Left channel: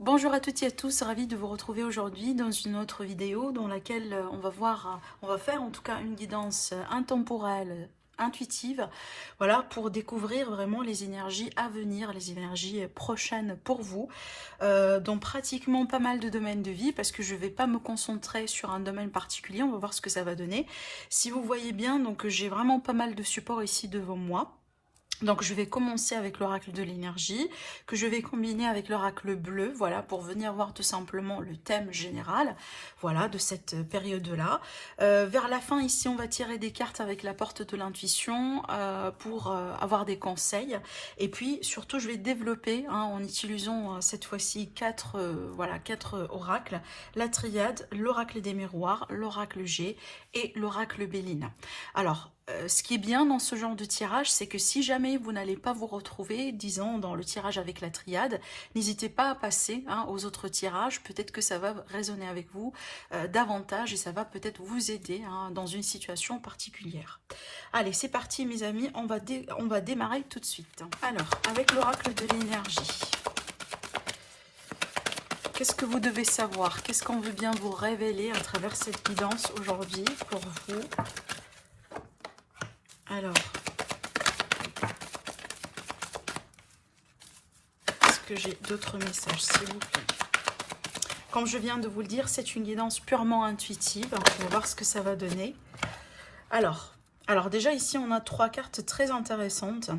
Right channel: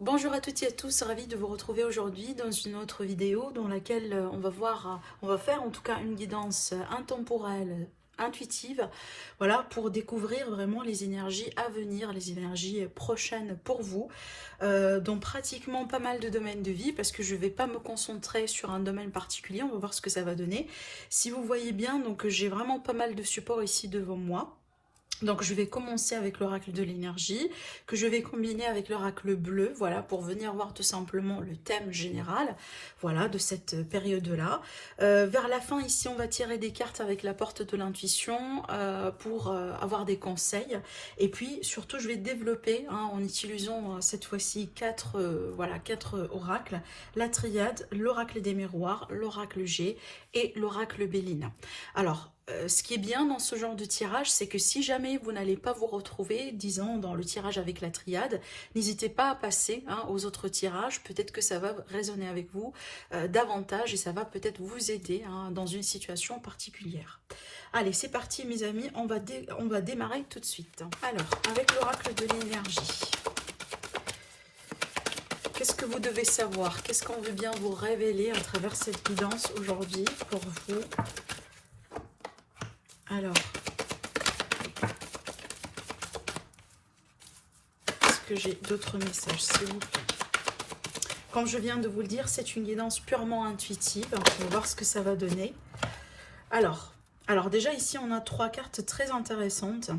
Bonjour à toutes et à tous, ravi de vous retrouver aujourd'hui dans une autre vidéo dans laquelle on va faire en tout cas une guidance intemporelle, intuitive, voilà, pour découvrir vraiment les énergies à venir, les énergies prochaines pour vous, dans pratiquement pas mal de domaines de vie, parce que je ne vais pas me concentrer sur un domaine particulier, on va voir ce que ça va donner. Si vous voyez bien, donc j'ai vraiment pas mal de supports ici devant moi. Donc je vais commencer avec l'oracle de l'énergie, que je vais combiner avec l'oracle bleu, voilà, pour venir voir tout simplement le thème général, voilà, de cette période-là. Vers la fin, ici, on va tirer des cartes avec la porte de l'intuition pour avoir des conseils. Et puis, surtout, je vais développer, hein, en utilisant cette fois-ci quatre oracles, la triade, l'oracle des miroirs, l'oracle G et l'oracle Béline. Alors, ce qui est bien dans ce genre de tirage, c'est que si jamais vous n'allez pas vous retrouver, disons, dans le tirage avec la triade, n'hésitez pas à passer, hein, aux autres tirages. Peut-être que ça va résonner avec vous davantage et ça va peut-être vous aider, hein, dans une situation particulière. Allez, c'est parti mes amis, on va démarrer tout de suite. Alors, avec l'oracle de l'énergie, qu'est-ce que vous devez savoir? Qu'est-ce qu'on veut bien vous révéler à travers cette guidance aujourd'hui pour vous? Alors, est-ce que j'ai d'autres messages, s'il vous plaît? Comme je viens de vous le dire, c'est une guidance purement intuitive. On va voir ce que ça va donner. Alors déjà ici, on a trois cartes très intéressantes.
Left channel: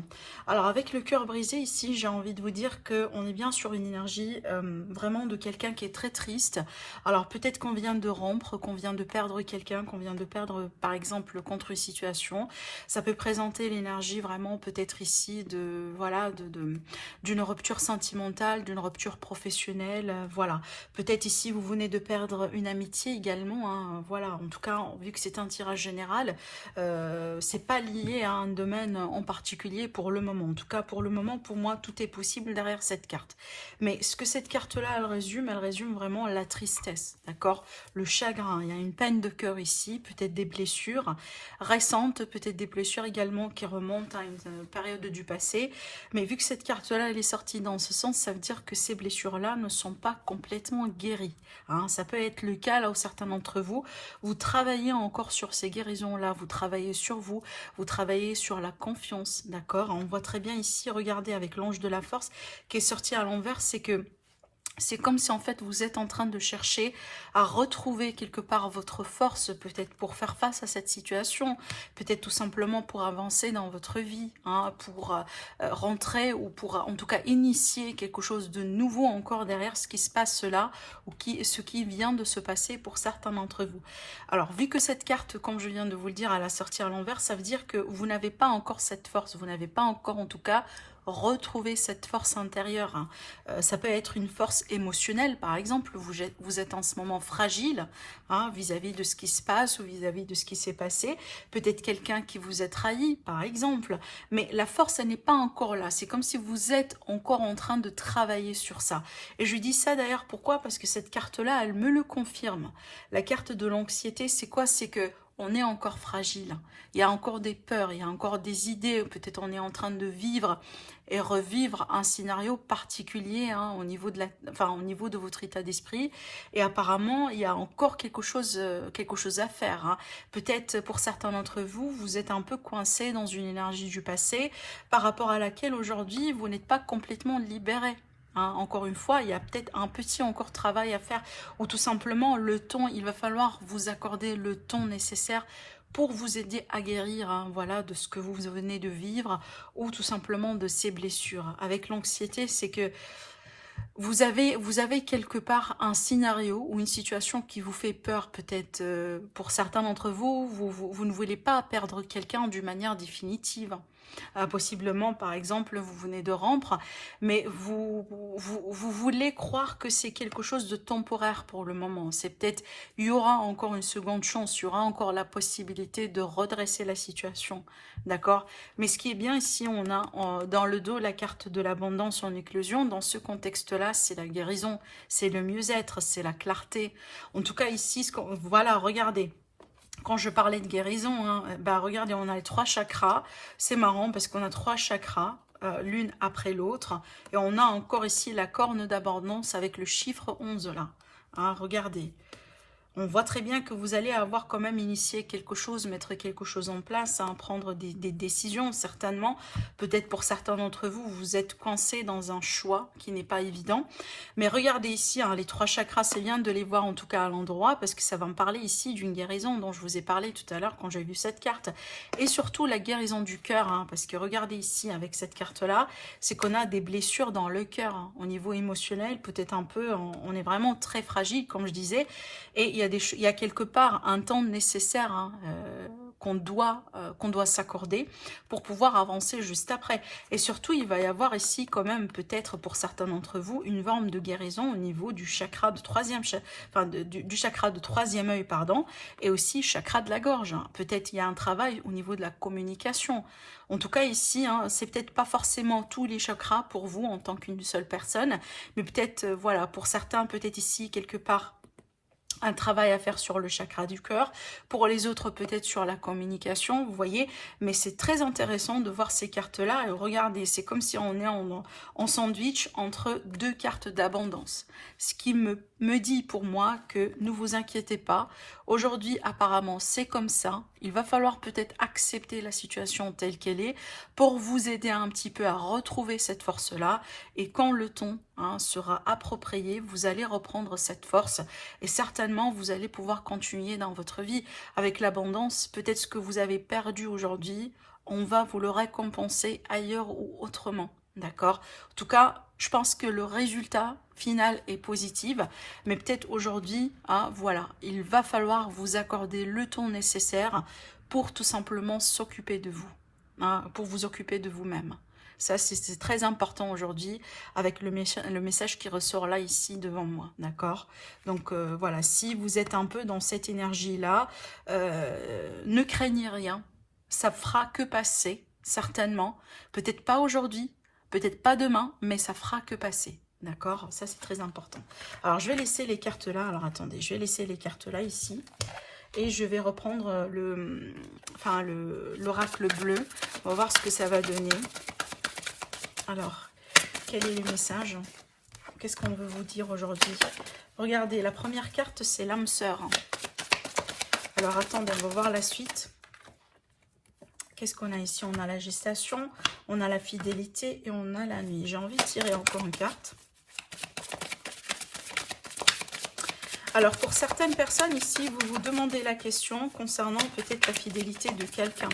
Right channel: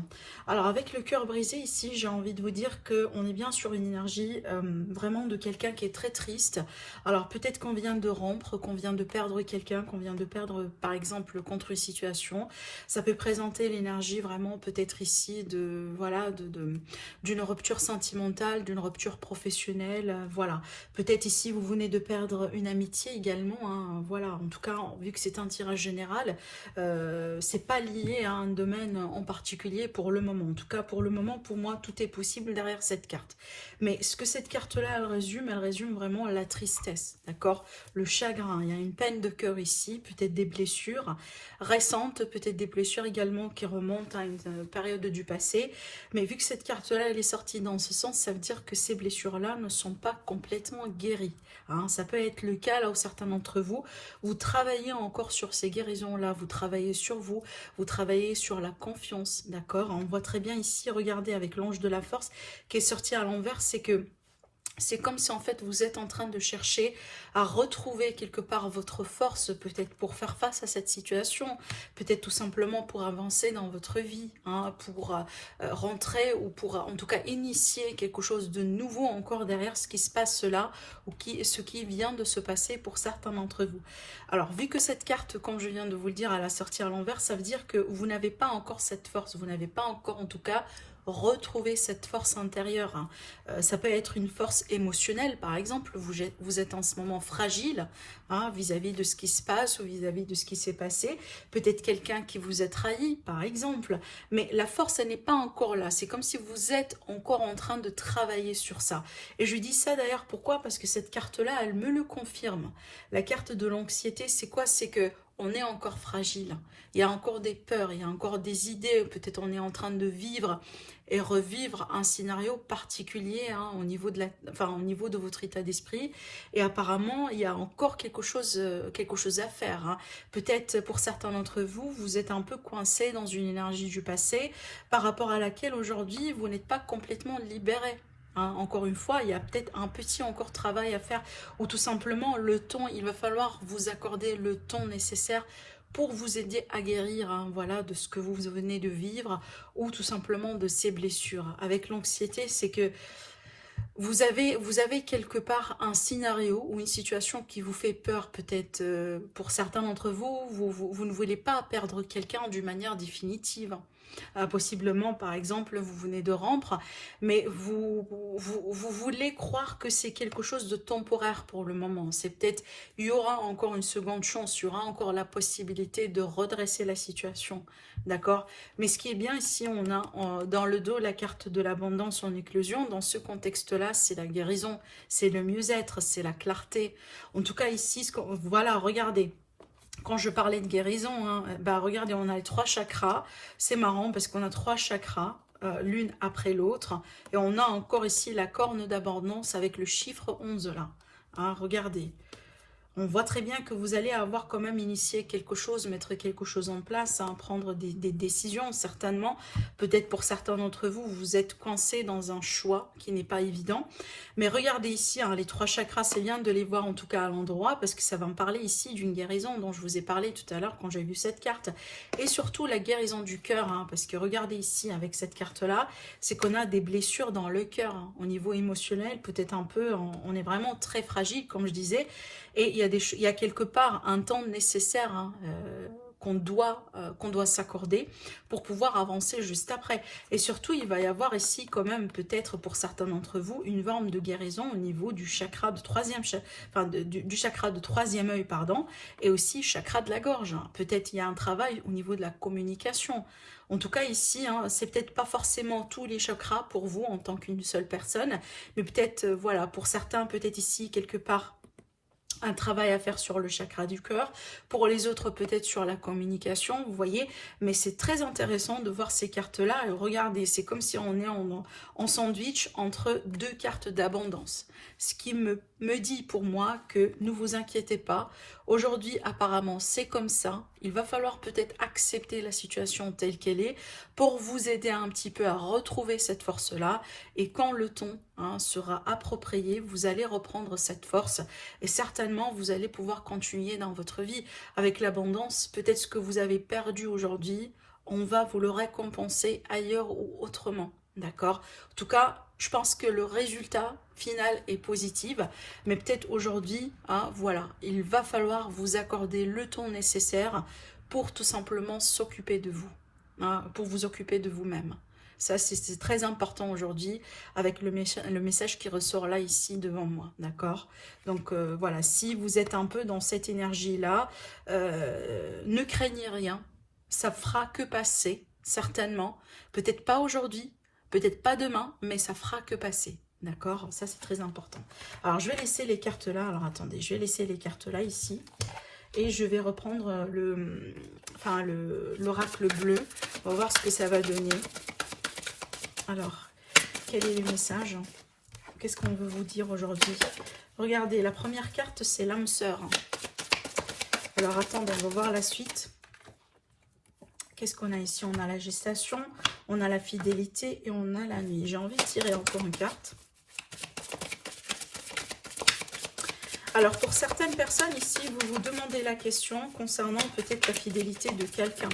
Alors avec le cœur brisé ici, j'ai envie de vous dire qu'on est bien sur une énergie vraiment de quelqu'un qui est très triste. Alors peut-être qu'on vient de rompre, qu'on vient de perdre quelqu'un, qu'on vient de perdre par exemple contre une situation. Ça peut présenter l'énergie vraiment peut-être ici de voilà d'une rupture sentimentale, d'une rupture professionnelle. Voilà. Peut-être ici vous venez de perdre une amitié également. Hein, voilà. En tout cas, vu que c'est un tirage général. C'est pas lié à un domaine en particulier pour le moment. En tout cas, pour le moment, pour moi, tout est possible derrière cette carte. Mais ce que cette carte-là, elle résume vraiment la tristesse, d'accord? Le chagrin. Il y a une peine de cœur ici, peut-être des blessures récentes, peut-être des blessures également qui remontent à une période du passé. Mais vu que cette carte-là, elle est sortie dans ce sens, ça veut dire que ces blessures-là ne sont pas complètement guéries. Hein, ça peut être le cas là où certains d'entre vous, vous travaillez encore sur ces guérisons-là, vous travaillez sur vous, vous travaillez sur la confiance, d'accord? On voit très bien ici, regardez avec l'ange de la force qui est sorti à l'envers, c'est que c'est comme si en fait vous êtes en train de chercher à retrouver quelque part votre force, peut-être pour faire face à cette situation, peut-être tout simplement pour avancer dans votre vie, hein, pour rentrer ou pour en tout cas initier quelque chose de nouveau encore derrière ce qui se passe là ou ce qui vient de se passer pour certains d'entre vous. Alors vu que cette carte, comme je viens de vous le dire, elle a sorti à l'envers, ça veut dire que vous n'avez pas encore cette force, vous n'avez pas encore en tout cas retrouver cette force intérieure. Hein. Ça peut être une force émotionnelle, par exemple. Vous êtes en ce moment fragile, hein, vis-à-vis de ce qui se passe ou vis-à-vis de ce qui s'est passé. Peut-être quelqu'un qui vous a trahi, par exemple. Mais la force, elle n'est pas encore là. C'est comme si vous êtes encore en train de travailler sur ça. Et je dis ça d'ailleurs, pourquoi? Parce que cette carte-là, elle me le confirme. La carte de l'anxiété, c'est quoi? C'est que on est encore fragile. Il y a encore des peurs, il y a encore des idées. Peut-être on est en train de vivre et revivre un scénario particulier, hein, au niveau de votre état d'esprit. Et apparemment, il y a encore quelque chose à faire. Hein. Peut-être pour certains d'entre vous, vous êtes un peu coincé dans une énergie du passé par rapport à laquelle aujourd'hui, vous n'êtes pas complètement libéré. Hein, encore une fois, il y a peut-être un petit encore travail à faire ou tout simplement le temps, il va falloir vous accorder le temps nécessaire pour vous aider à guérir, hein, voilà, de ce que vous venez de vivre ou tout simplement de ces blessures. Avec l'anxiété, c'est que vous avez quelque part un scénario ou une situation qui vous fait peur, peut-être pour certains d'entre vous, vous ne voulez pas perdre quelqu'un d'une manière définitive. Possiblement, par exemple, vous venez de rompre, mais vous voulez croire que c'est quelque chose de temporaire pour le moment. C'est peut-être, il y aura encore une seconde chance, il y aura encore la possibilité de redresser la situation, d'accord? Mais ce qui est bien ici, on a dans le dos la carte de l'abondance en éclosion. Dans ce contexte-là, c'est la guérison, c'est le mieux-être, c'est la clarté. En tout cas, ici, voilà, regardez. Quand je parlais de guérison, hein, bah regardez, on a les trois chakras. C'est marrant parce qu'on a trois chakras l'une après l'autre. Et on a encore ici la corne d'abondance avec le chiffre 11 là. Hein, regardez. On voit très bien que vous allez avoir quand même initié quelque chose, mettre quelque chose en place, hein, prendre des décisions certainement. Peut-être pour certains d'entre vous, vous êtes coincé dans un choix qui n'est pas évident. Mais regardez ici, hein, les 3 chakras, c'est bien de les voir en tout cas à l'endroit parce que ça va me parler ici d'une guérison dont je vous ai parlé tout à l'heure quand j'ai vu cette carte. Et surtout la guérison du cœur, hein, parce que regardez ici avec cette carte-là, c'est qu'on a des blessures dans le cœur, hein, au niveau émotionnel, peut-être un peu, on est vraiment très fragile comme je disais. Et il y a quelque part un temps nécessaire hein, qu'on doit s'accorder pour pouvoir avancer juste après. Et surtout, il va y avoir ici quand même, peut-être pour certains d'entre vous, une forme de guérison au niveau du chakra de troisième, du chakra de troisième œil, pardon, et aussi chakra de la gorge. Peut-être il y a un travail au niveau de la communication. En tout cas ici, hein, c'est peut-être pas forcément tous les chakras pour vous en tant qu'une seule personne, mais peut-être, voilà, pour certains, peut-être ici, quelque part, un travail à faire sur le chakra du cœur, pour les autres peut-être sur la communication, vous voyez, mais c'est très intéressant de voir ces cartes-là, et regardez, c'est comme si on est en sandwich entre 2 cartes d'abondance, ce qui me dit pour moi que ne vous inquiétez pas, aujourd'hui apparemment c'est comme ça, il va falloir peut-être accepter la situation telle qu'elle est, pour vous aider un petit peu à retrouver cette force-là, et quand le ton hein, sera approprié, vous allez reprendre cette force, et certainement vous allez pouvoir continuer dans votre vie avec l'abondance. Peut-être ce que vous avez perdu aujourd'hui, on va vous le récompenser ailleurs ou autrement, d'accord? En tout cas, je pense que le résultat final est positif, mais peut-être aujourd'hui, hein, voilà, il va falloir vous accorder le temps nécessaire pour tout simplement s'occuper de vous, hein, pour vous occuper de vous-même. Ça, c'est très important aujourd'hui avec le message qui ressort là, ici, devant moi, d'accord? Donc, voilà, si vous êtes un peu dans cette énergie-là, ne craignez rien. Ça fera que passer, certainement. Peut-être pas aujourd'hui, peut-être pas demain, mais ça fera que passer, d'accord? Ça, c'est très important. Alors, je vais laisser les cartes là. Alors, attendez, je vais laisser les cartes là, ici. Et je vais reprendre l'oracle bleu. On va voir ce que ça va donner. Alors, quel est le message? Qu'est-ce qu'on veut vous dire aujourd'hui? Regardez, la première carte, c'est l'âme sœur. Alors, attendez, on va voir la suite. Qu'est-ce qu'on a ici? On a la gestation, on a la fidélité et on a la nuit. J'ai envie de tirer encore une carte. Alors, pour certaines personnes ici, vous vous demandez la question concernant peut-être la fidélité de quelqu'un.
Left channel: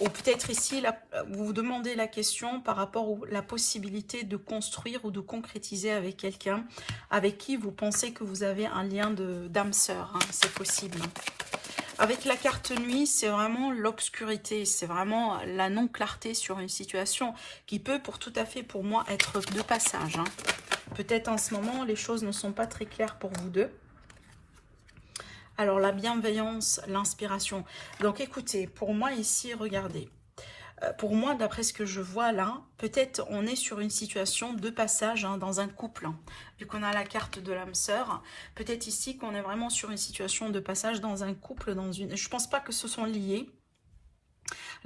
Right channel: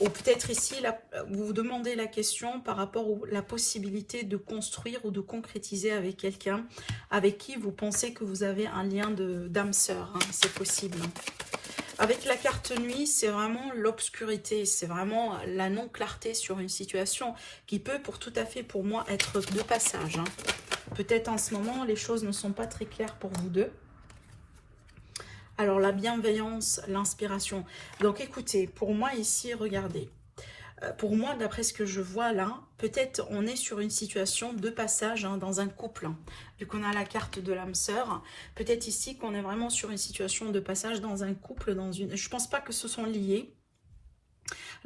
Ou peut-être ici, vous vous demandez la question par rapport à la possibilité de construire ou de concrétiser avec quelqu'un avec qui vous pensez que vous avez un lien d'âme sœur. Hein, c'est possible. Avec la carte nuit, c'est vraiment l'obscurité, c'est vraiment la non-clarté sur une situation qui peut tout à fait pour moi être de passage. Hein. Peut-être en ce moment, les choses ne sont pas très claires pour vous deux. Alors, la bienveillance, l'inspiration. Donc, écoutez, pour moi ici, regardez. Pour moi, d'après ce que je vois là, peut-être on est sur une situation de passage hein, dans un couple. Hein, vu qu'on a la carte de l'âme sœur, peut-être ici qu'on est vraiment sur une situation de passage dans un couple. Je ne pense pas que ce sont liés.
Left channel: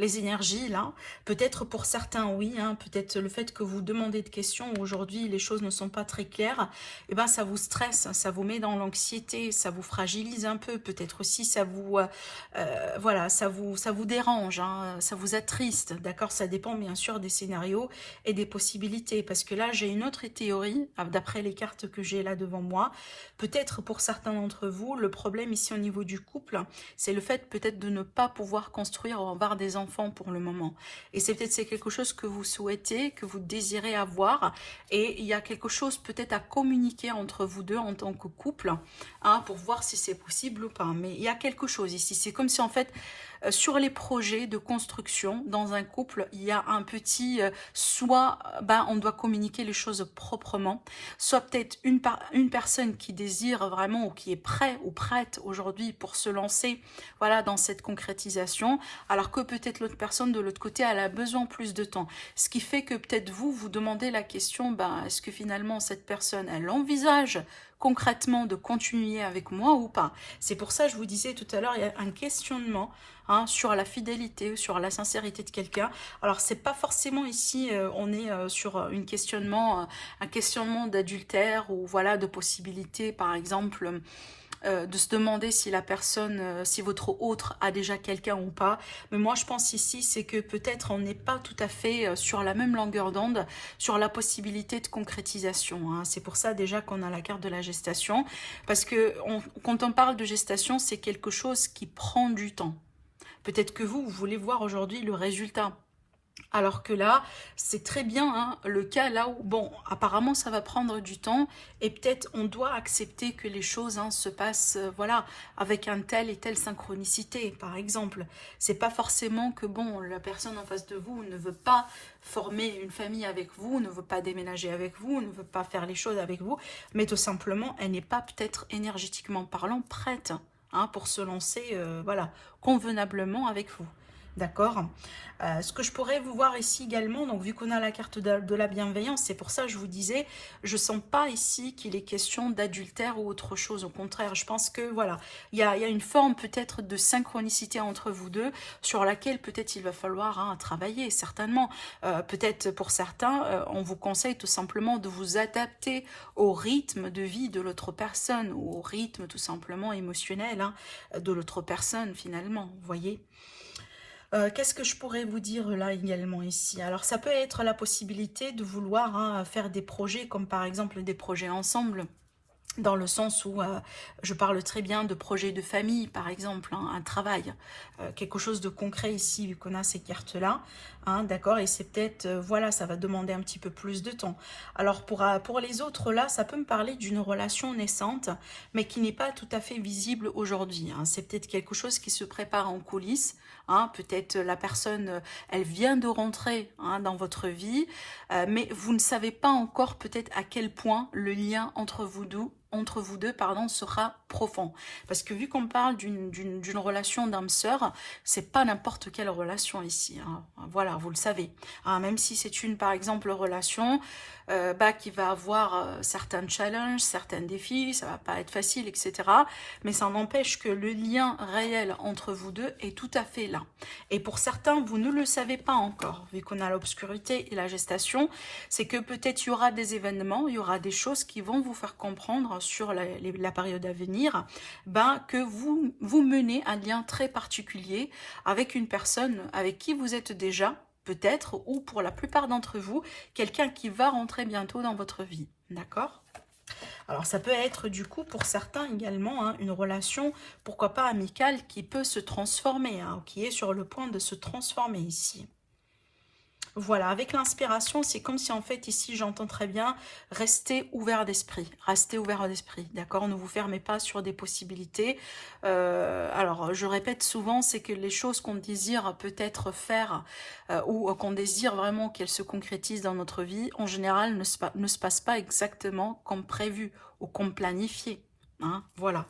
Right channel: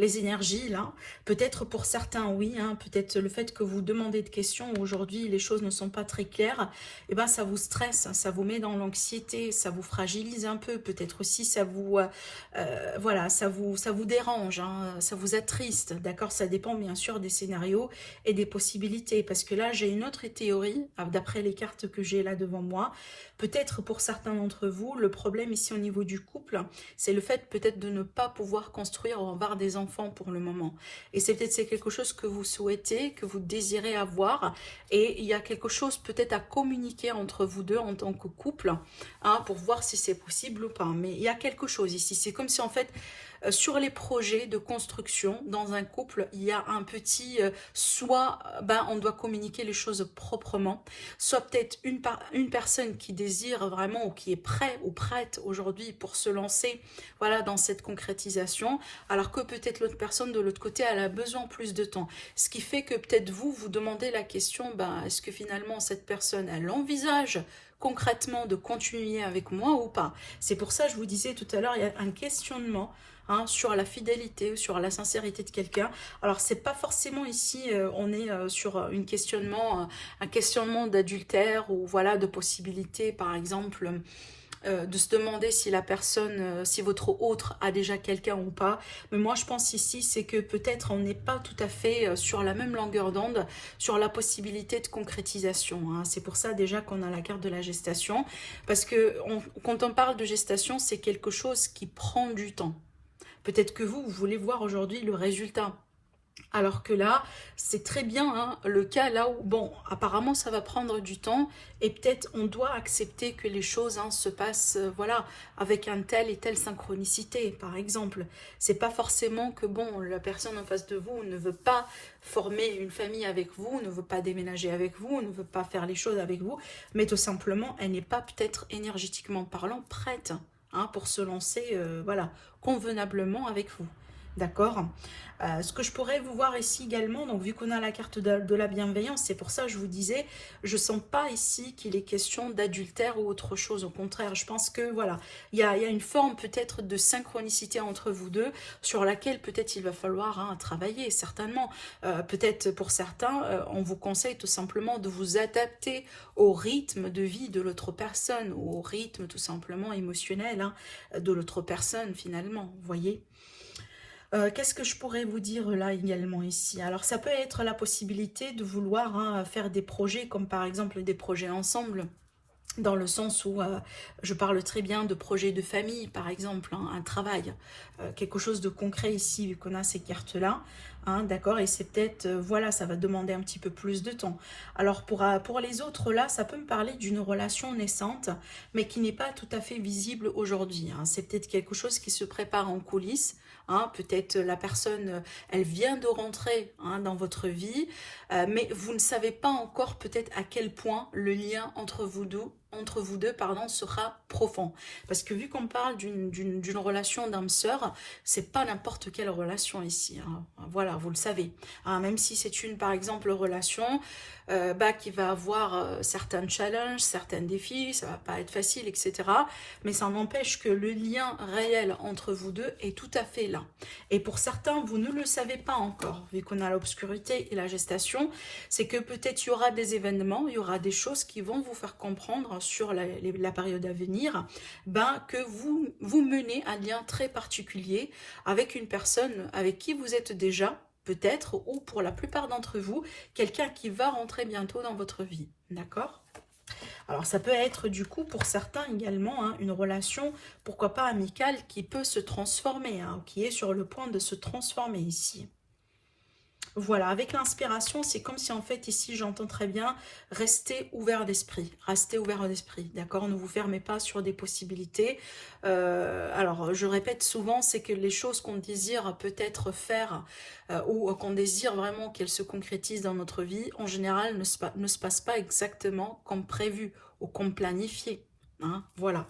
Les énergies là, peut-être pour certains oui, hein, peut-être le fait que vous demandez de questions, aujourd'hui les choses ne sont pas très claires, et ben ça vous stresse, ça vous met dans l'anxiété, ça vous fragilise un peu, peut-être aussi ça vous, voilà, ça vous dérange, hein, ça vous attriste, d'accord? Ça dépend bien sûr des scénarios et des possibilités, parce que là j'ai une autre théorie, d'après les cartes que j'ai là devant moi, peut-être pour certains d'entre vous, le problème ici au niveau du couple, c'est le fait peut-être de ne pas pouvoir construire ou avoir des enfants pour le moment. Et c'est quelque chose que vous souhaitez, que vous désirez avoir. Et il y a quelque chose peut-être à communiquer entre vous deux en tant que couple, hein, pour voir si c'est possible ou pas. Mais il y a quelque chose ici. C'est comme si en fait, sur les projets de construction dans un couple, il y a un petit soit on doit communiquer les choses proprement, soit peut-être une personne qui désire vraiment ou qui est prêt ou prête aujourd'hui pour se lancer voilà, dans cette concrétisation, alors que peut-être l'autre personne de l'autre côté elle a besoin plus de temps. Ce qui fait que peut-être vous demandez la question, est-ce que finalement cette personne elle envisage concrètement de continuer avec moi ou pas? C'est pour ça que je vous disais tout à l'heure, il y a un questionnement hein, sur la fidélité, sur la sincérité de quelqu'un. Alors, c'est pas forcément ici, on est sur un questionnement d'adultère ou voilà, de possibilité, par exemple, de se demander si la personne, si votre autre a déjà quelqu'un ou pas. Mais moi, je pense ici, c'est que peut-être on n'est pas tout à fait sur la même longueur d'onde, sur la possibilité de concrétisation. Hein. C'est pour ça déjà qu'on a la carte de la gestation. Parce que quand on parle de gestation, c'est quelque chose qui prend du temps. Peut-être que vous voulez voir aujourd'hui le résultat. Alors que là, c'est très bien hein, le cas là où, bon, apparemment ça va prendre du temps et peut-être on doit accepter que les choses hein, se passent, voilà, avec un tel et telle synchronicité, par exemple. C'est pas forcément que, bon, la personne en face de vous ne veut pas former une famille avec vous, ne veut pas déménager avec vous, ne veut pas faire les choses avec vous, mais tout simplement, elle n'est pas peut-être énergétiquement parlant prête hein, pour se lancer, voilà, convenablement avec vous. D'accord. Ce que je pourrais vous voir ici également, donc vu qu'on a la carte de la bienveillance, c'est pour ça que je vous disais, je sens pas ici qu'il est question d'adultère ou autre chose. Au contraire, je pense que voilà, il y a une forme peut-être de synchronicité entre vous deux sur laquelle peut-être il va falloir hein, travailler, certainement. Peut-être pour certains, on vous conseille tout simplement de vous adapter au rythme de vie de l'autre personne ou au rythme tout simplement émotionnel hein, de l'autre personne finalement, vous voyez. Qu'est-ce que je pourrais vous dire là également ici? Alors ça peut être la possibilité de vouloir hein, faire des projets comme par exemple des projets ensemble. Dans le sens où je parle très bien de projets de famille, par exemple, hein, un travail, quelque chose de concret ici, vu qu'on a ces cartes-là, hein, d'accord, et c'est peut-être, voilà, ça va demander un petit peu plus de temps. Alors, pour les autres, là, ça peut me parler d'une relation naissante, mais qui n'est pas tout à fait visible aujourd'hui. Hein. C'est peut-être quelque chose qui se prépare en coulisses, hein, peut-être la personne, elle vient de rentrer hein, dans votre vie, mais vous ne savez pas encore peut-être à quel point le lien entre vous deux pardon, sera profond. Parce que vu qu'on parle d'une relation d'âme-sœur, c'est pas n'importe quelle relation ici. Hein. Voilà, vous le savez. Hein, même si c'est par exemple, relation qui va avoir certains challenges, certains défis, ça va pas être facile, etc. Mais ça n'empêche que le lien réel entre vous deux est tout à fait là. Et pour certains, vous ne le savez pas encore, vu qu'on a l'obscurité et la gestation, c'est que peut-être il y aura des événements, il y aura des choses qui vont vous faire comprendre sur la période à venir, que vous menez un lien très particulier avec une personne avec qui vous êtes déjà, peut-être, ou pour la plupart d'entre vous, quelqu'un qui va rentrer bientôt dans votre vie, d'accord ? Alors ça peut être du coup pour certains également hein, une relation, pourquoi pas amicale, qui peut se transformer, hein, qui est sur le point de se transformer ici. Voilà, avec l'inspiration, c'est comme si en fait ici, j'entends très bien, restez ouvert d'esprit, d'accord? Ne vous fermez pas sur des possibilités. Alors, je répète souvent, c'est que les choses qu'on désire peut-être faire ou qu'on désire vraiment qu'elles se concrétisent dans notre vie, en général, ne se passent pas exactement comme prévu ou comme planifié. Hein, voilà.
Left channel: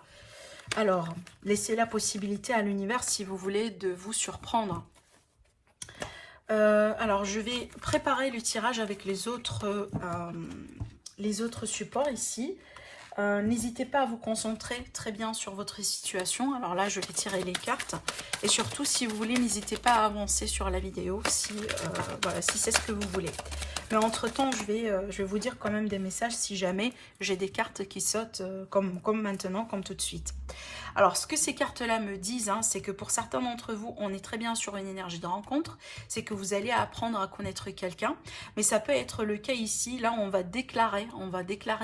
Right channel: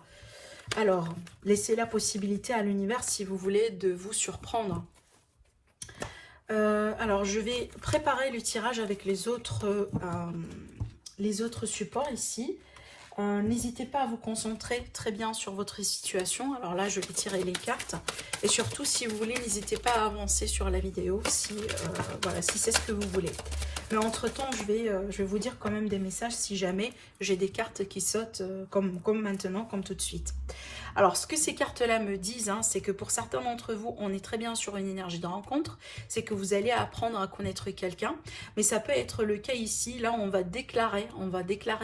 Alors, laissez la possibilité à l'univers, si vous voulez, de vous surprendre. Alors, je vais préparer le tirage avec les autres supports ici. N'hésitez pas à vous concentrer très bien sur votre situation. Alors là, je vais tirer les cartes. Et surtout, si vous voulez, n'hésitez pas à avancer sur la vidéo voilà, si c'est ce que vous voulez. Mais entre-temps, je vais vous dire quand même des messages si jamais j'ai des cartes qui sautent comme maintenant, comme tout de suite. Alors, ce que ces cartes-là me disent, hein, c'est que pour certains d'entre vous, on est très bien sur une énergie de rencontre. C'est que vous allez apprendre à connaître quelqu'un. Mais ça peut être le cas ici. Là, on va déclarer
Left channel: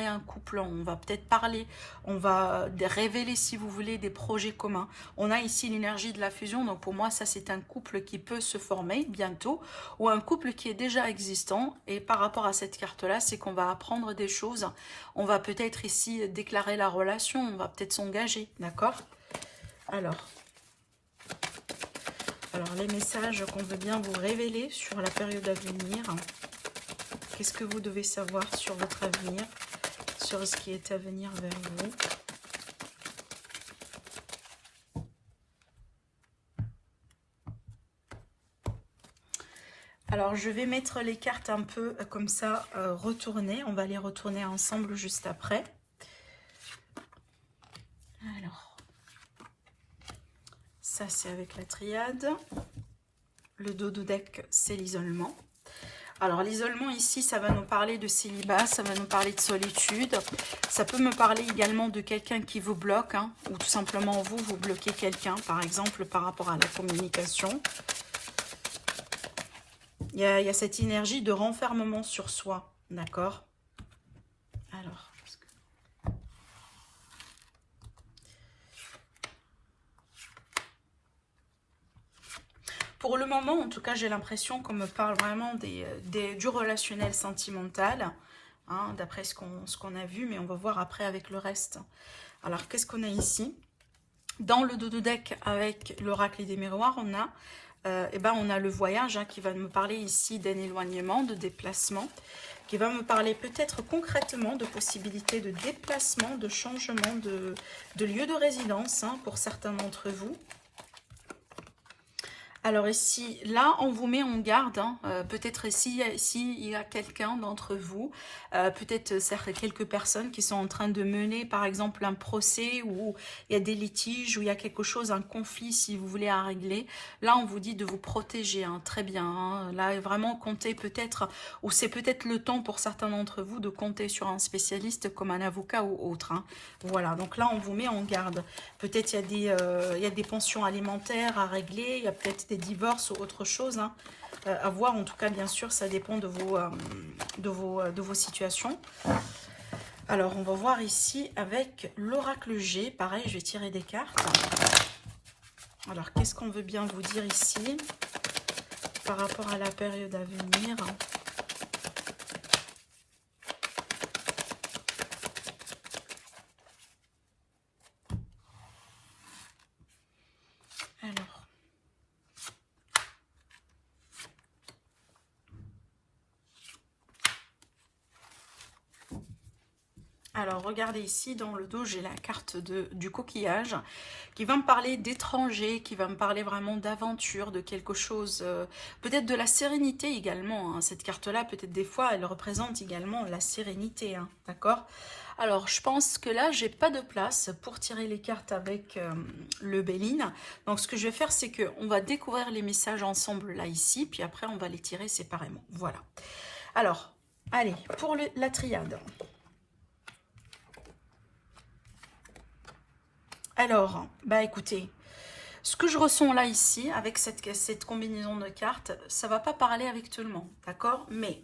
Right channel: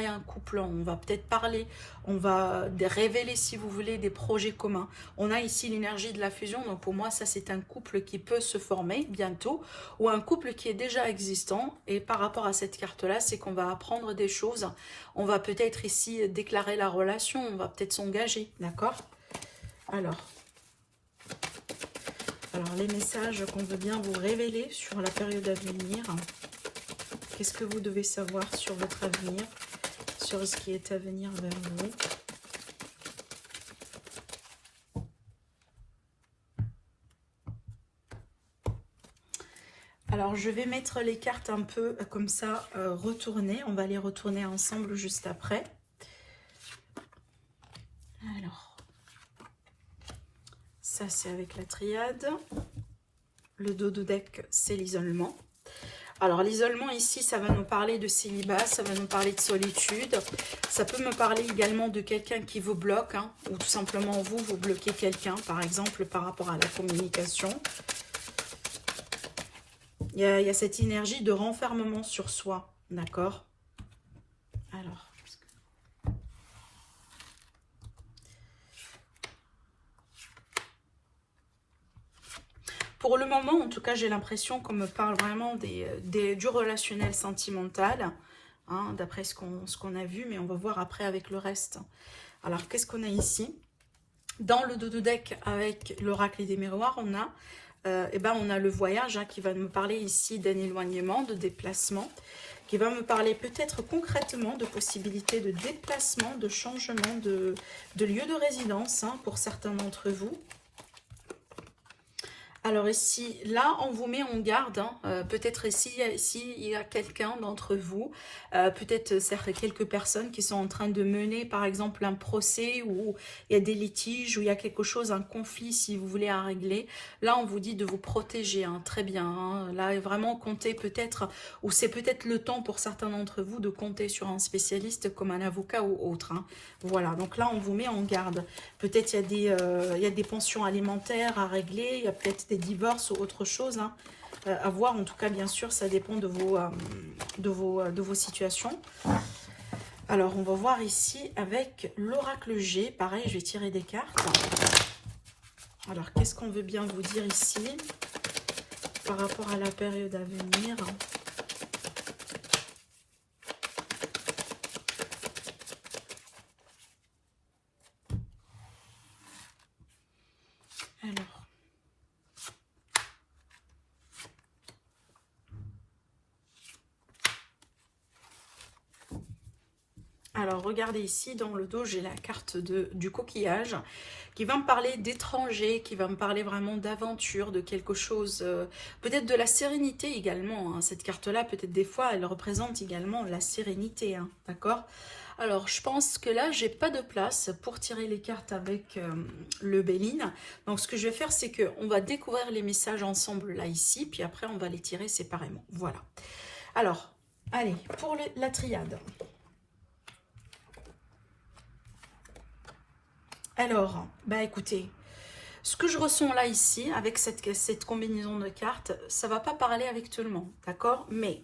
un couple. On va peut-être parler. On va révéler, si vous voulez, des projets communs. On a ici l'énergie de la fusion. Donc, pour moi, ça, c'est un couple qui peut se former bientôt. Ou un couple qui est déjà existant. Et par rapport à cette carte-là, c'est qu'on va apprendre des choses. On va peut-être ici déclarer la relation. On va peut-être s'engager. D'accord ? Alors, les messages qu'on veut bien vous révéler sur la période à venir. Qu'est-ce que vous devez savoir sur votre avenir, sur ce qui est à venir vers vous. Alors, je vais mettre les cartes un peu comme ça, retournées. On va les retourner ensemble juste après. Alors, Ça, c'est avec la triade. Le dos de deck, c'est l'isolement. Alors, l'isolement ici, ça va nous parler de célibat, ça va nous parler de solitude. Ça peut me parler également de quelqu'un qui vous bloque, hein, ou tout simplement vous bloquez quelqu'un, par exemple, par rapport à la communication. Il y a cette énergie de renfermement sur soi, d'accord? Alors... Pour le moment, en tout cas, j'ai l'impression qu'on me parle vraiment du relationnel sentimental, hein, d'après ce qu'on a vu, mais on va voir après avec le reste. Alors, qu'est-ce qu'on a ici? Dans le dos de deck, avec l'oracle des miroirs, on a, on a le voyage, hein, qui va me parler ici d'un éloignement, de déplacement, qui va me parler peut-être concrètement de possibilités de déplacement, de changement de lieu de résidence, hein, pour certains d'entre vous. Alors ici, là, on vous met en garde, hein, peut-être ici, il y a quelqu'un d'entre vous, peut-être quelques personnes qui sont en train de mener, par exemple, un procès où il y a des litiges, où il y a quelque chose, un conflit, si vous voulez, à régler. Là, on vous dit de vous protéger, hein, très bien. Hein. Là, vraiment, comptez peut-être, ou c'est peut-être le temps pour certains d'entre vous de compter sur un spécialiste comme un avocat ou autre. Hein. Voilà, donc là, on vous met en garde. Peut-être il y a des pensions alimentaires à régler, il y a peut-être des divorces ou autre chose, hein, à voir. En tout cas, bien sûr, ça dépend de vos situations. Alors, on va voir ici avec l'oracle G. Pareil, je vais tirer des cartes. Alors, qu'est-ce qu'on veut bien vous dire ici par rapport à la période à venir? Alors, regardez ici, dans le dos, j'ai la carte du coquillage qui va me parler d'étranger, qui va me parler vraiment d'aventure, de quelque chose, peut-être de la sérénité également. Hein. Cette carte-là, peut-être des fois, elle représente également la sérénité, hein, d'accord? Alors, je pense que là, j'ai pas de place pour tirer les cartes avec le Béline. Donc, ce que je vais faire, c'est qu'on va découvrir les messages ensemble, là, ici, puis après, on va les tirer séparément. Voilà. Alors, allez, pour la triade. Alors, bah écoutez, ce que je ressens là ici, avec cette combinaison de cartes, ça va pas parler avec tout le monde, d'accord? Mais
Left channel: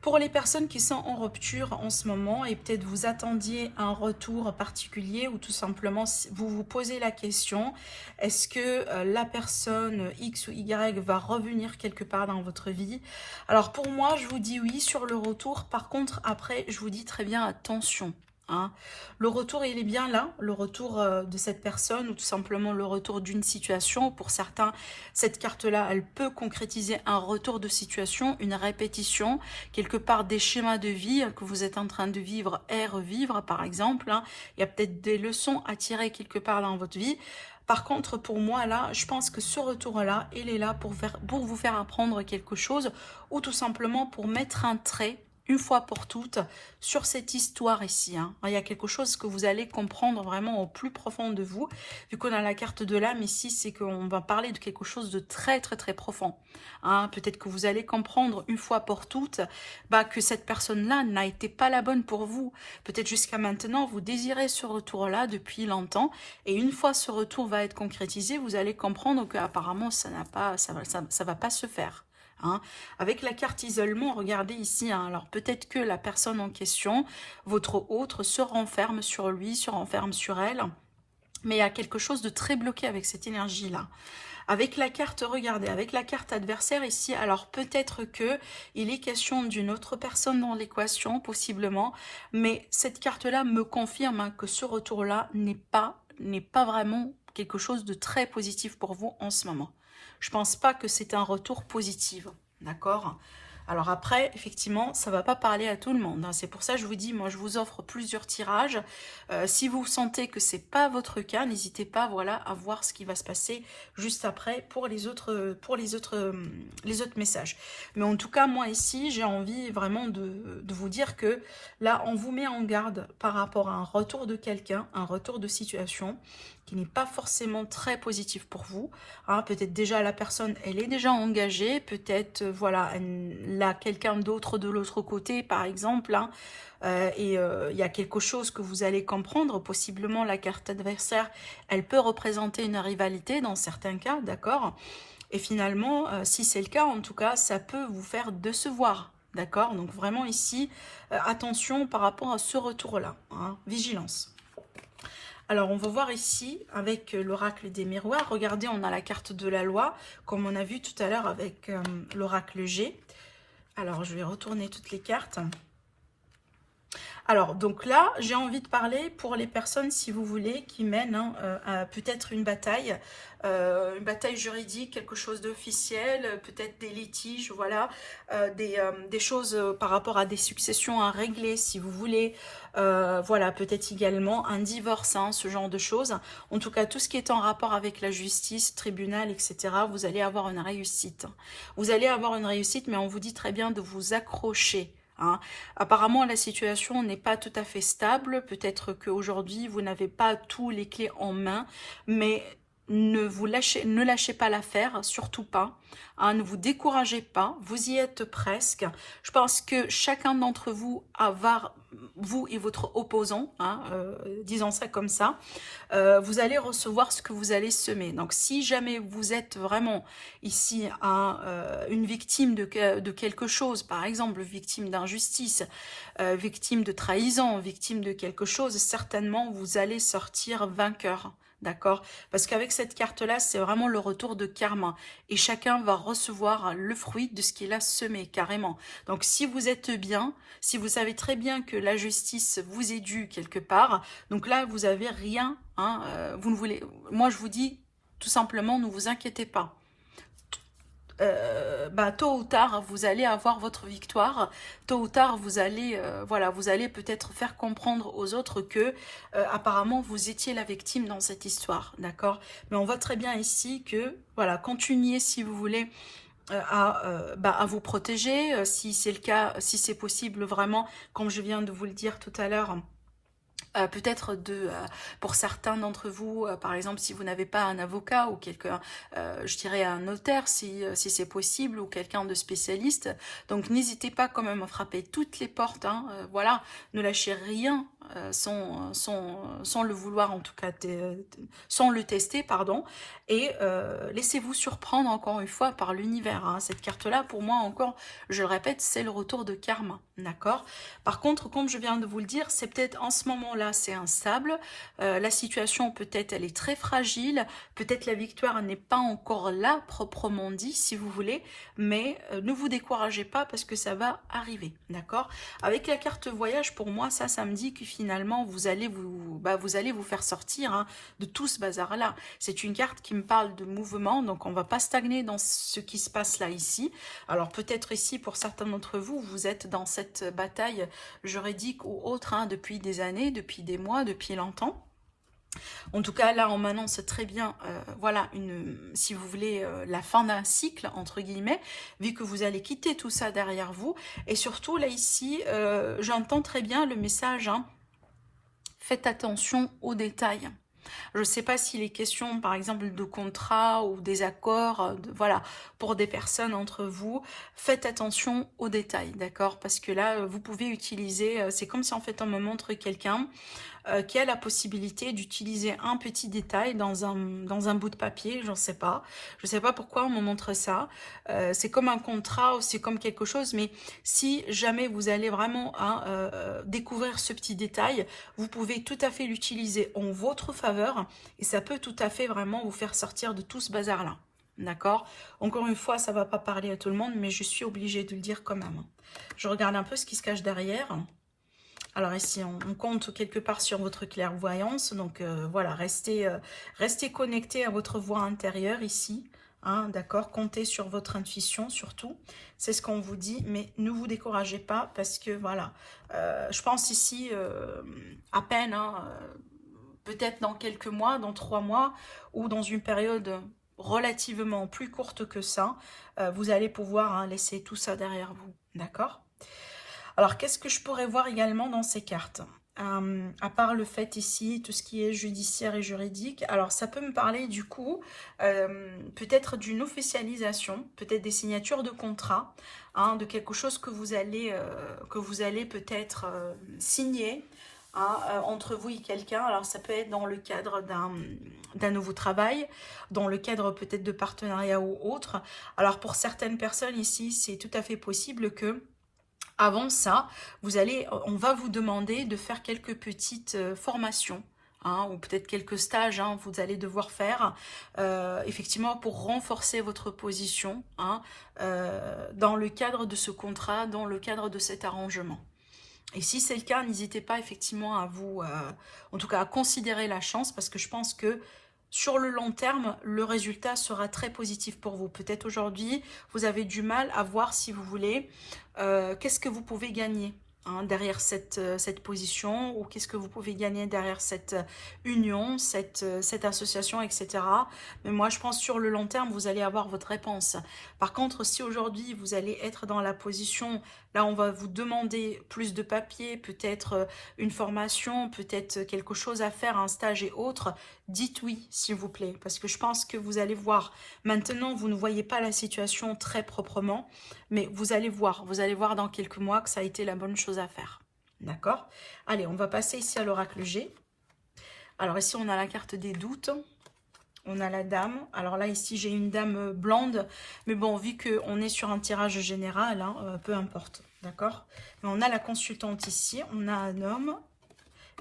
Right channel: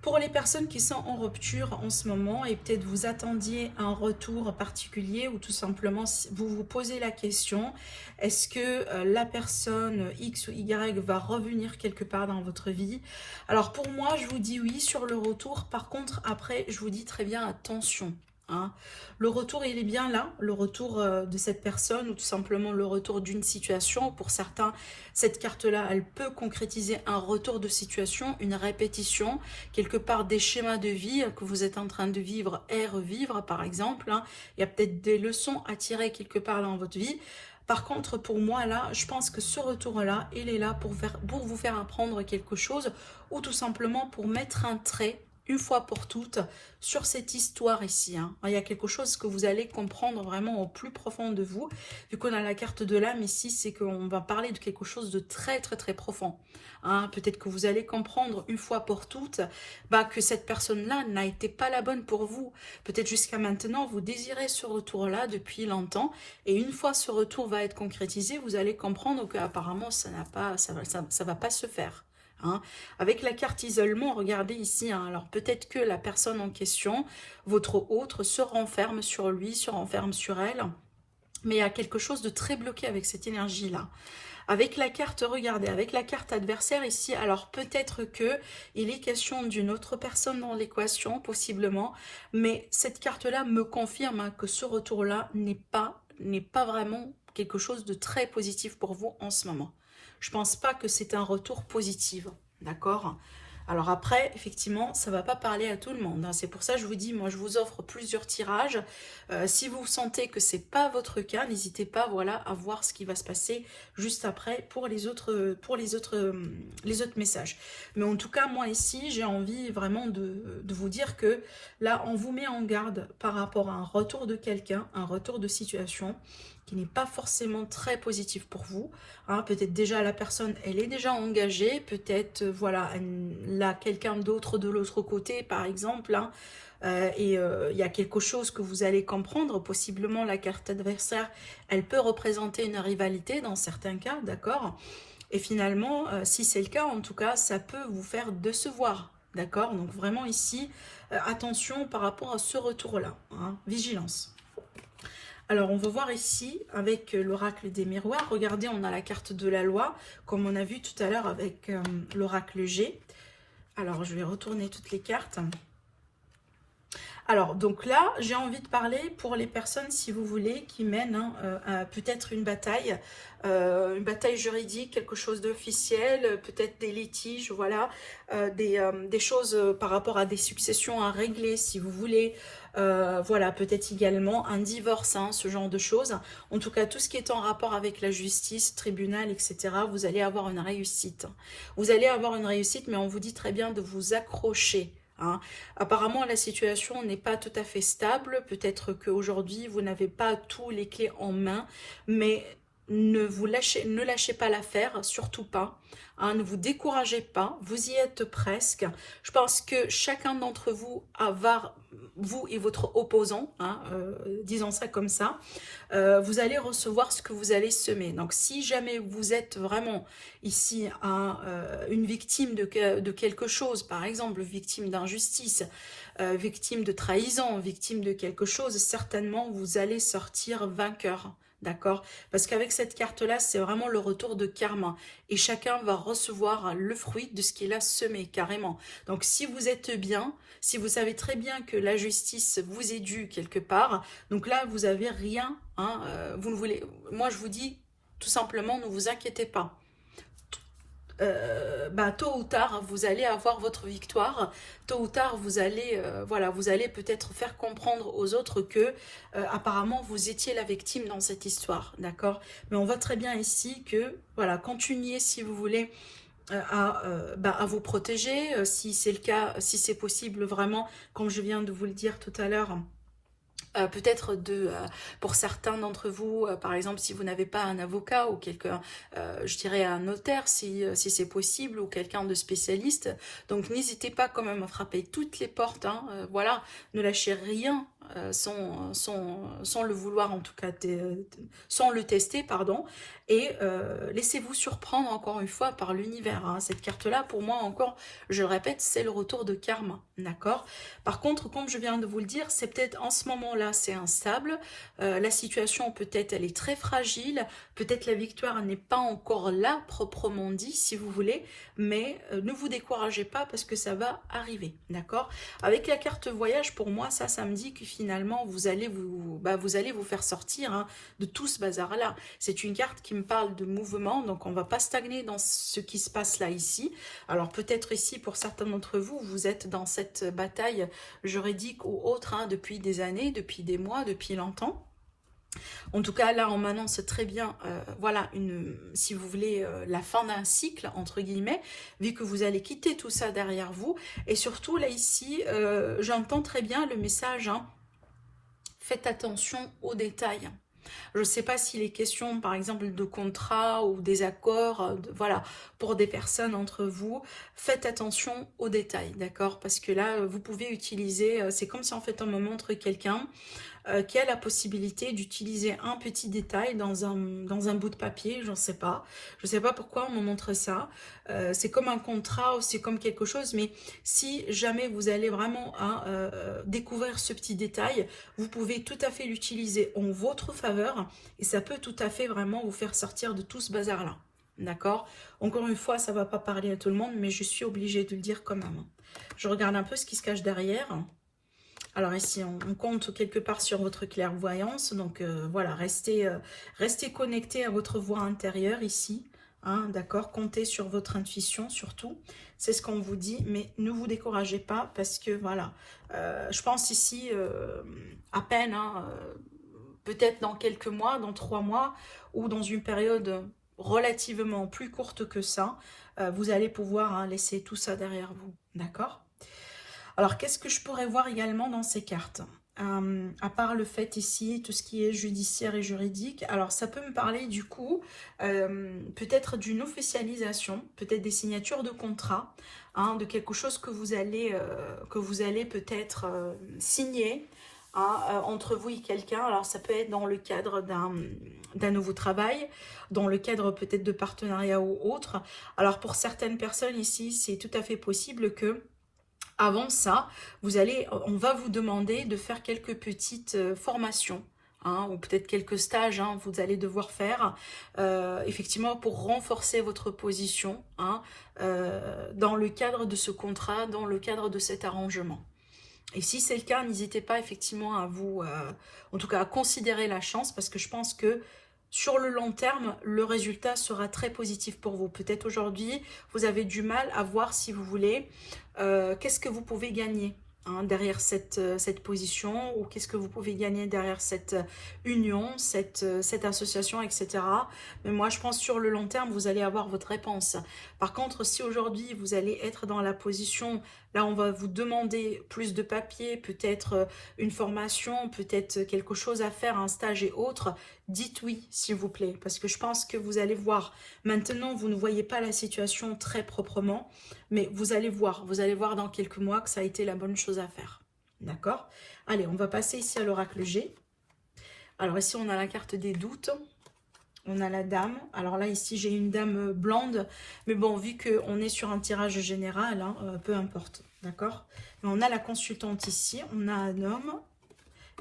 pour les personnes qui sont en rupture en ce moment et peut-être vous attendiez un retour particulier ou tout simplement vous vous posez la question, est-ce que la personne X ou Y va revenir quelque part dans votre vie? Alors pour moi, je vous dis oui sur le retour. Par contre, après, je vous dis très bien attention. Hein. Le retour, il est bien là, le retour de cette personne ou tout simplement le retour d'une situation. Pour certains, cette carte-là, elle peut concrétiser un retour de situation, une répétition, quelque part des schémas de vie que vous êtes en train de vivre et revivre, par exemple. Hein. Il y a peut-être des leçons à tirer quelque part dans votre vie. Par contre, pour moi, là, je pense que ce retour-là, il est là pour vous faire apprendre quelque chose ou tout simplement pour mettre un trait une fois pour toutes sur cette histoire ici. Hein. Il y a quelque chose que vous allez comprendre vraiment au plus profond de vous. Vu qu'on a la carte de l'âme ici, c'est qu'on va parler de quelque chose de très très très profond. Hein. Peut-être que vous allez comprendre une fois pour toutes que cette personne-là n'a été pas la bonne pour vous. Peut-être jusqu'à maintenant, vous désirez ce retour-là depuis longtemps. Et une fois ce retour va être concrétisé, vous allez comprendre qu'apparemment, ça va pas se faire. Hein. Avec la carte isolement, regardez ici, hein, alors peut-être que la personne en question, votre autre, se renferme sur lui, se renferme sur elle, mais il y a quelque chose de très bloqué avec cette énergie-là. Avec la carte, regardez, avec la carte adversaire ici, alors peut-être que il est question d'une autre personne dans l'équation, possiblement, mais cette carte-là me confirme hein, que ce retour-là n'est pas vraiment quelque chose de très positif pour vous en ce moment. Je pense pas que c'est un retour positif, d'accord? Alors après, effectivement, ça va pas parler à tout le monde. Hein. C'est pour ça que je vous dis, moi, je vous offre plusieurs tirages. Si vous sentez que c'est pas votre cas, n'hésitez pas, voilà, à voir ce qui va se passer juste après pour les autres messages. Mais en tout cas, moi ici, j'ai envie vraiment de vous dire que là, on vous met en garde par rapport à un retour de quelqu'un, un retour de situation. qui n'est pas forcément très positif pour vous. Hein, peut-être déjà la personne, elle est déjà engagée, peut-être, voilà, elle a quelqu'un d'autre de l'autre côté, par exemple, hein, il y a quelque chose que vous allez comprendre, possiblement la carte adversaire, elle peut représenter une rivalité dans certains cas, d'accord? Et finalement, si c'est le cas, en tout cas, ça peut vous faire décevoir, d'accord? Donc vraiment ici, attention par rapport à ce retour-là, hein, vigilance. Alors, on va voir ici avec l'oracle des miroirs. Regardez, on a la carte de la loi, comme on a vu tout à l'heure avec l'oracle G. Alors, je vais retourner toutes les cartes. Alors, donc là, j'ai envie de parler pour les personnes, si vous voulez, qui mènent peut-être une bataille juridique, quelque chose d'officiel, peut-être des litiges, voilà, des choses par rapport à des successions à régler, si vous voulez, voilà, peut-être également un divorce, hein, ce genre de choses. En tout cas, tout ce qui est en rapport avec la justice, tribunal, etc., vous allez avoir une réussite. Vous allez avoir une réussite, mais on vous dit très bien de vous accrocher. Hein. Apparemment, la situation n'est pas tout à fait stable. Peut-être qu'aujourd'hui, vous n'avez pas tous les clés en main, mais ne lâchez pas l'affaire, surtout pas. Hein, ne vous découragez pas, vous y êtes presque. Je pense que chacun d'entre vous vous et votre opposant, hein, disons ça comme ça, vous allez recevoir ce que vous allez semer. Donc si jamais vous êtes vraiment ici une victime de quelque chose, par exemple victime d'injustice, victime de trahison, victime de quelque chose, certainement vous allez sortir vainqueur. D'accord? Parce qu'avec cette carte-là, c'est vraiment le retour de karma. Et chacun va recevoir le fruit de ce qu'il a semé, carrément. Donc, si vous êtes bien, si vous savez très bien que la justice vous est due quelque part, donc là, vous n'avez rien. Hein, vous ne voulez... Moi, je vous dis, tout simplement, ne vous inquiétez pas. Tôt ou tard, vous allez avoir votre victoire. Tôt ou tard, vous allez, voilà, vous allez peut-être faire comprendre aux autres que, apparemment, vous étiez la victime dans cette histoire, d'accord? Mais on voit très bien ici que, voilà, continuez si vous voulez à vous protéger, si c'est le cas, si c'est possible vraiment, comme je viens de vous le dire tout à l'heure. Peut-être pour certains d'entre vous, par exemple, si vous n'avez pas un avocat ou quelqu'un, je dirais un notaire, si c'est possible, ou quelqu'un de spécialiste. Donc, n'hésitez pas quand même à frapper toutes les portes. Hein, voilà, ne lâchez rien sans le vouloir, en tout cas, sans le tester, pardon. Et laissez-vous surprendre encore une fois par l'univers. Hein. Cette carte-là, pour moi, encore, je le répète, c'est le retour de karma. D'accord? Par contre, comme je viens de vous le dire, c'est peut-être en ce moment-là, c'est instable. La situation, peut-être, elle est très fragile. Peut-être la victoire n'est pas encore là, proprement dit, si vous voulez. Mais ne vous découragez pas parce que ça va arriver. D'accord? Avec la carte voyage, pour moi, ça me dit que finalement, vous allez vous faire sortir hein, de tout ce bazar-là. C'est une carte qui me parle de mouvement, donc on ne va pas stagner dans ce qui se passe là, ici. Alors, peut-être ici, pour certains d'entre vous, vous êtes dans cette bataille juridique ou autre hein, depuis des années, depuis des mois, depuis longtemps. En tout cas, là, on m'annonce très bien, voilà, si vous voulez, la fin d'un cycle, entre guillemets, vu que vous allez quitter tout ça derrière vous. Et surtout, là, ici, j'entends très bien le message, hein, faites attention aux détails. Je ne sais pas s'il est question, par exemple, de contrats ou des accords, voilà, pour des personnes entre vous. Faites attention aux détails, d'accord? Parce que là, vous pouvez utiliser, c'est comme si en fait on me montre quelqu'un qui a la possibilité d'utiliser un petit détail dans un bout de papier, je ne sais pas. Je ne sais pas pourquoi on me montre ça. C'est comme un contrat ou c'est comme quelque chose, mais si jamais vous allez vraiment hein, découvrir ce petit détail, vous pouvez tout à fait l'utiliser en votre faveur et ça peut tout à fait vraiment vous faire sortir de tout ce bazar-là. D'accord? Encore une fois, ça ne va pas parler à tout le monde, mais je suis obligée de le dire quand même. Je regarde un peu ce qui se cache derrière. Alors ici, on compte quelque part sur votre clairvoyance. Donc voilà, restez connecté à votre voix intérieure ici. Hein, d'accord, comptez sur votre intuition surtout. C'est ce qu'on vous dit, mais ne vous découragez pas parce que voilà, je pense ici à peine, hein, peut-être dans quelques mois, dans 3 mois ou dans une période relativement plus courte que ça, vous allez pouvoir hein, laisser tout ça derrière vous. D'accord ? Alors, qu'est-ce que je pourrais voir également dans ces cartes? à part le fait ici, tout ce qui est judiciaire et juridique. Alors, ça peut me parler du coup, peut-être d'une officialisation, peut-être des signatures de contrat, hein, de quelque chose que vous allez peut-être signer, hein, entre vous et quelqu'un. Alors, ça peut être dans le cadre d'un nouveau travail, dans le cadre peut-être de partenariat ou autre. Alors, pour certaines personnes ici, c'est tout à fait possible que avant ça, on va vous demander de faire quelques petites formations, hein, ou peut-être quelques stages, hein, vous allez devoir faire, effectivement, pour renforcer votre position, hein, dans le cadre de ce contrat, dans le cadre de cet arrangement. Et si c'est le cas, n'hésitez pas effectivement à vous, en tout cas à considérer la chance, parce que je pense que sur le long terme, le résultat sera très positif pour vous. Peut-être aujourd'hui, vous avez du mal à voir, si vous voulez, qu'est-ce que vous pouvez gagner, hein, derrière cette position, ou qu'est-ce que vous pouvez gagner derrière cette union, cette association, etc. Mais moi, je pense sur le long terme, vous allez avoir votre réponse. Par contre, si aujourd'hui, vous allez être dans la position, là, on va vous demander plus de papier, peut-être une formation, peut-être quelque chose à faire, un stage et autres, dites oui, s'il vous plaît, parce que je pense que vous allez voir, maintenant, vous ne voyez pas la situation très proprement, mais vous allez voir dans quelques mois que ça a été la bonne chose à faire. D'accord? Allez, on va passer ici à l'oracle G. Alors ici, on a la carte des doutes. On a la dame. Alors là, ici, j'ai une dame blonde. Mais bon, vu qu'on est sur un tirage général, hein, peu importe. D'accord? On a la consultante ici. On a un homme.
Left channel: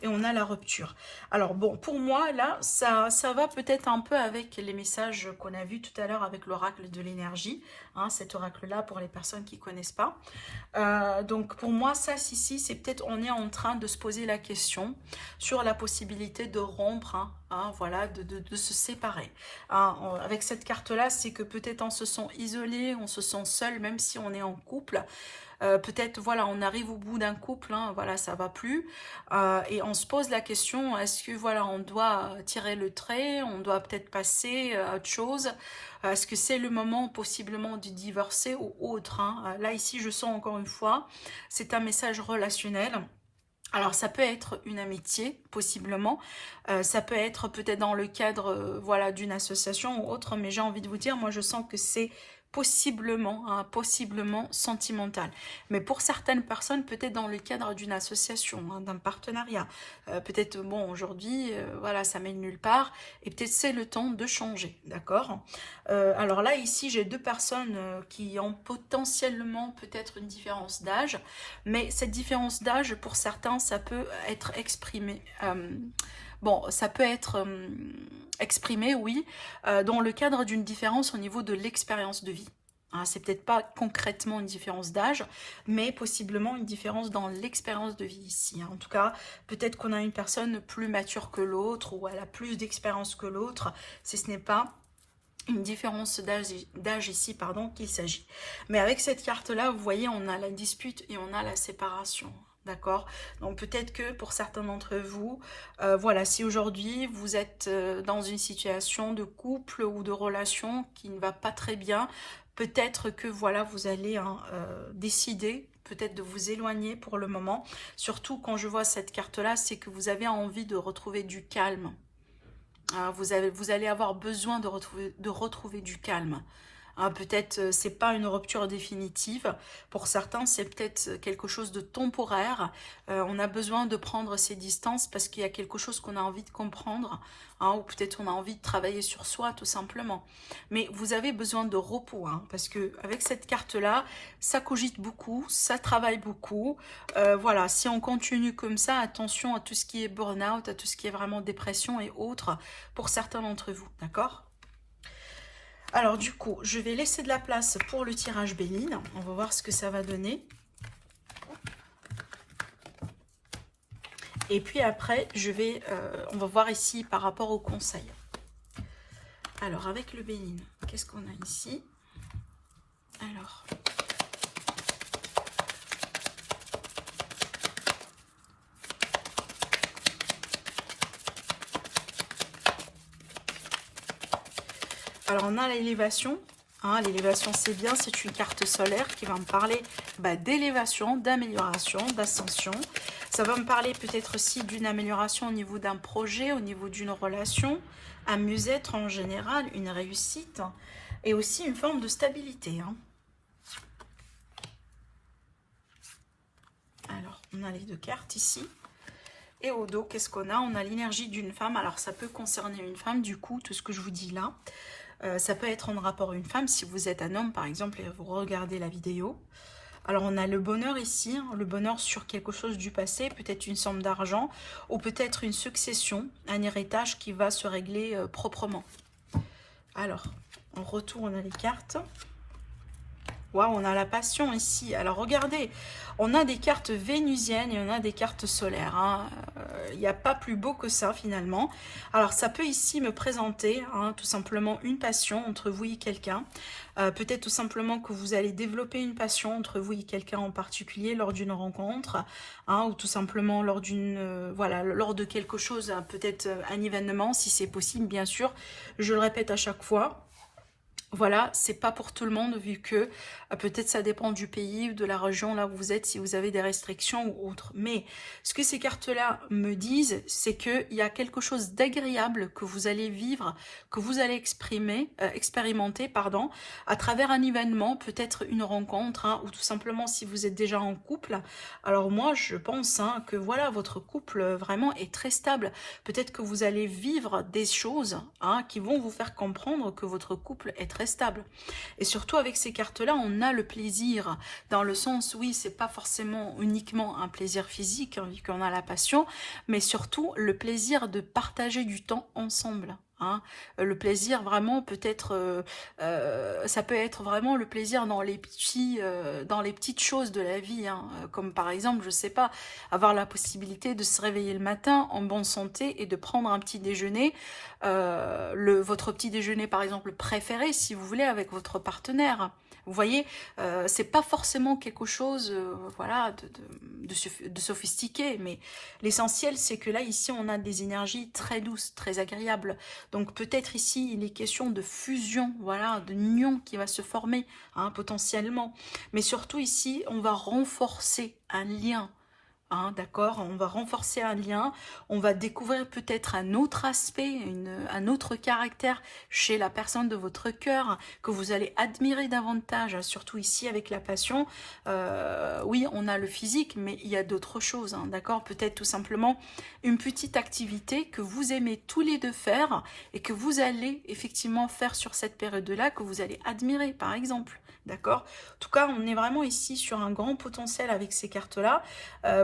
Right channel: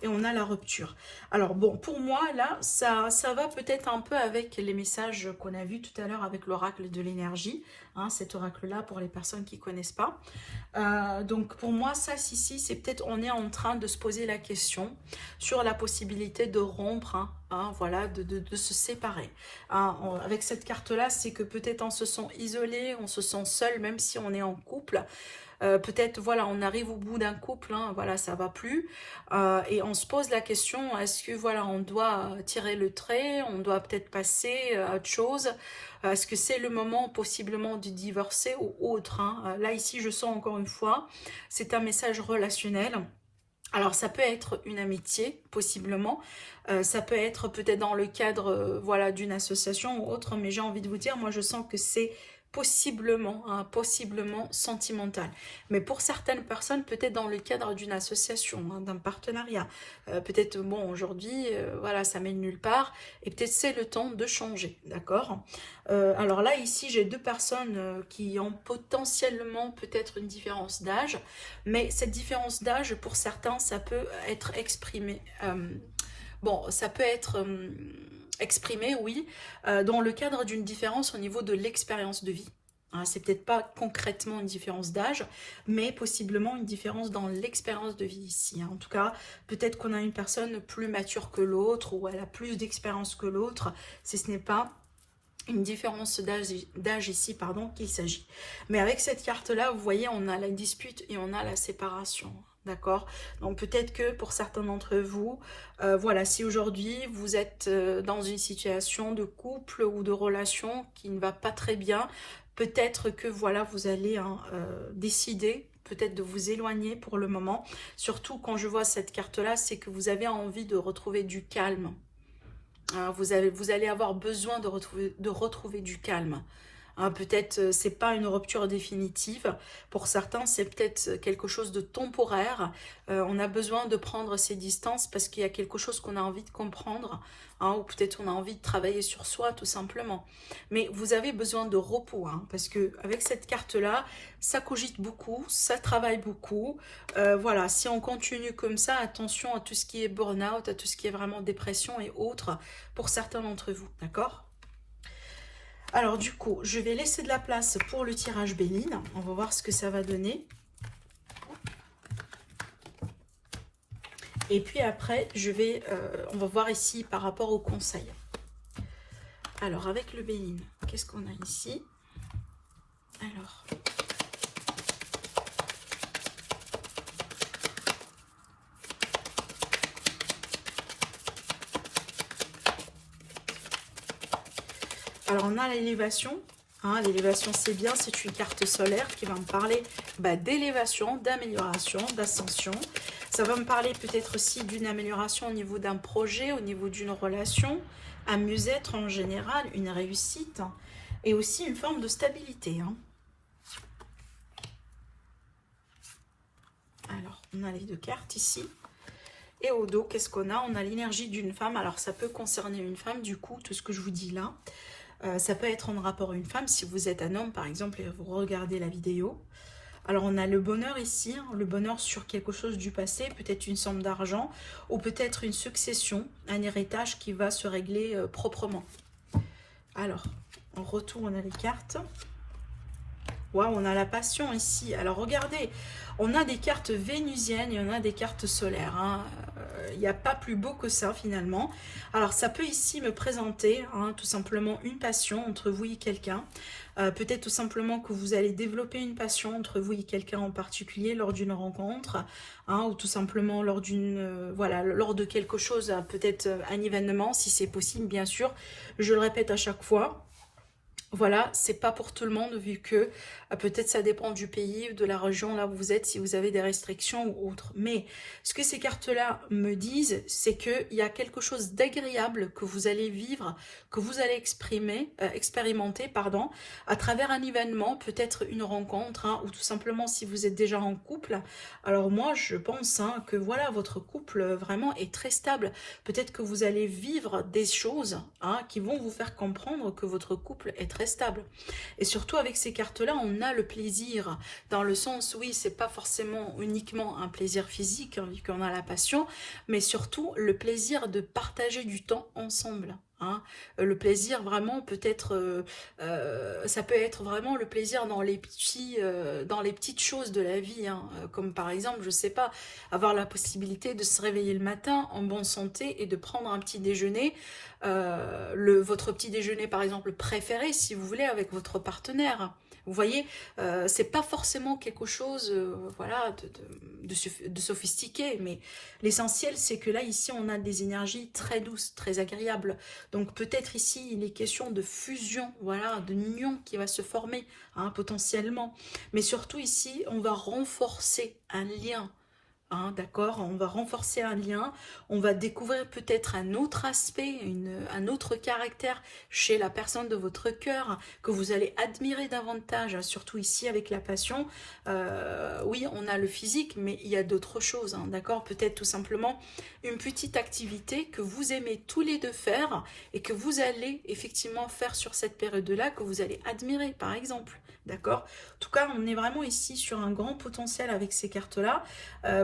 Et on a la rupture. Alors bon, pour moi, là, ça va peut-être un peu avec les messages qu'on a vus tout à l'heure avec l'oracle de l'énergie. Hein, cet oracle-là, pour les personnes qui ne connaissent pas. Donc pour moi, ça, ici, c'est peut-être, on est en train de se poser la question sur la possibilité de rompre, hein, voilà, de se séparer. Hein, avec cette carte-là, c'est que peut-être on se sent isolé, on se sent seul, même si on est en couple. Peut-être, voilà, on arrive au bout d'un couple, hein, voilà, ça va plus. Et on se pose la question, est-ce que, voilà, on doit tirer le trait, on doit peut-être passer à autre chose? Est-ce que c'est le moment, possiblement, de divorcer ou autre, hein? Là, ici, je sens encore une fois, c'est un message relationnel. Alors, ça peut être une amitié, possiblement. Ça peut être peut-être dans le cadre, voilà, d'une association ou autre. Mais j'ai envie de vous dire, moi, je sens que c'est possiblement, hein, possiblement sentimental. Mais pour certaines personnes, peut-être dans le cadre d'une association, hein, d'un partenariat. Peut-être, bon, aujourd'hui, voilà, ça mène nulle part. Et peut-être c'est le temps de changer, d'accord? Alors là, ici, j'ai deux personnes qui ont potentiellement peut-être une différence d'âge. Mais cette différence d'âge, pour certains, ça peut être exprimé. Bon, ça peut être exprimé, oui, dans le cadre d'une différence au niveau de l'expérience de vie. Hein, c'est peut-être pas concrètement une différence d'âge, mais possiblement une différence dans l'expérience de vie ici. Hein. En tout cas, peut-être qu'on a une personne plus mature que l'autre, ou elle a plus d'expérience que l'autre, si ce n'est pas une différence d'âge ici, pardon, qu'il s'agit. Mais avec cette carte-là, vous voyez, on a la dispute et on a la séparation. D'accord? Donc peut-être que pour certains d'entre vous, voilà, si aujourd'hui vous êtes dans une situation de couple ou de relation qui ne va pas très bien, peut-être que voilà, vous allez décider peut-être de vous éloigner pour le moment. Surtout quand je vois cette carte-là, c'est que vous avez envie de retrouver du calme. Vous allez avoir besoin de retrouver du calme. Hein, peut-être c'est pas une rupture définitive. Pour certains, c'est peut-être quelque chose de temporaire. On a besoin de prendre ses distances parce qu'il y a quelque chose qu'on a envie de comprendre. Hein, ou peut-être on a envie de travailler sur soi tout simplement. Mais vous avez besoin de repos. Hein, parce que avec cette carte-là, ça cogite beaucoup, ça travaille beaucoup. Voilà, si on continue comme ça, attention à tout ce qui est burn-out, à tout ce qui est vraiment dépression et autres pour certains d'entre vous. D'accord ? Alors du coup, je vais laisser de la place pour le tirage Béline. On va voir ce que ça va donner. Et puis après, on va voir ici par rapport au conseil. Alors avec le Béline, qu'est-ce qu'on a ici? Alors... Alors, on a l'élévation. Hein, l'élévation, c'est bien. C'est une carte solaire qui va me parler d'élévation, d'amélioration, d'ascension. Ça va me parler peut-être aussi d'une amélioration au niveau d'un projet, au niveau d'une relation, un mieux-être en général, une réussite et aussi une forme de stabilité. Hein. Alors, on a les deux cartes ici. Et au dos, qu'est-ce qu'on a? On a l'énergie d'une femme. Alors, ça peut concerner une femme, du coup, tout ce que je vous dis là. Ça peut être en rapport à une femme, si vous êtes un homme, par exemple, et vous regardez la vidéo. Alors, on a le bonheur ici, hein, le bonheur sur quelque chose du passé, peut-être une somme d'argent, ou peut-être une succession, un héritage qui va se régler proprement. Alors, en retour, on a les cartes. Waouh, on a la passion ici. Alors, regardez, on a des cartes vénusiennes et on a des cartes solaires. Hein. Il n'y a pas plus beau que ça, finalement. Alors, ça peut ici me présenter hein, tout simplement une passion entre vous et quelqu'un. Peut-être tout simplement que vous allez développer une passion entre vous et quelqu'un en particulier lors d'une rencontre. Hein, ou tout simplement lors d'une voilà, lors de quelque chose, peut-être un événement, si c'est possible, bien sûr. Je le répète à chaque fois. Voilà, c'est pas pour tout le monde vu que peut-être ça dépend du pays ou de la région là où vous êtes, si vous avez des restrictions ou autres. Mais ce que ces cartes-là me disent, c'est qu'il y a quelque chose d'agréable que vous allez vivre, que vous allez expérimenter, pardon, à travers un événement, peut-être une rencontre, hein, ou tout simplement si vous êtes déjà en couple. Alors moi, je pense hein, que voilà, votre couple vraiment est très stable. Peut-être que vous allez vivre des choses hein, qui vont vous faire comprendre que votre couple est très stable. Et surtout avec ces cartes-là, on a le plaisir, dans le sens, oui, c'est pas forcément uniquement un plaisir physique, hein, vu qu'on a la passion, mais surtout le plaisir de partager du temps ensemble. Hein. Le plaisir vraiment peut-être, ça peut être vraiment le plaisir dans les petites choses de la vie, hein, comme par exemple, je sais pas, avoir la possibilité de se réveiller le matin en bonne santé et de prendre un petit déjeuner, votre petit déjeuner par exemple préféré si vous voulez avec votre partenaire. Vous voyez, c'est pas forcément quelque chose voilà, de sophistiqué, mais l'essentiel c'est que là ici on a des énergies très douces, très agréables. Donc peut-être ici il est question de fusion, voilà, de union qui va se former hein, potentiellement. Mais surtout ici on va renforcer un lien. Hein, d'accord, on va renforcer un lien, on va découvrir peut-être un autre aspect, un autre caractère chez la personne de votre cœur que vous allez admirer davantage, hein, surtout ici avec la passion. Oui, on a le physique, mais il y a d'autres choses, hein, d'accord, peut-être tout simplement une petite activité que vous aimez tous les deux faire et que vous allez effectivement faire sur cette période-là, que vous allez admirer par exemple. D'accord. En tout cas, on est vraiment ici sur un grand potentiel avec ces cartes-là.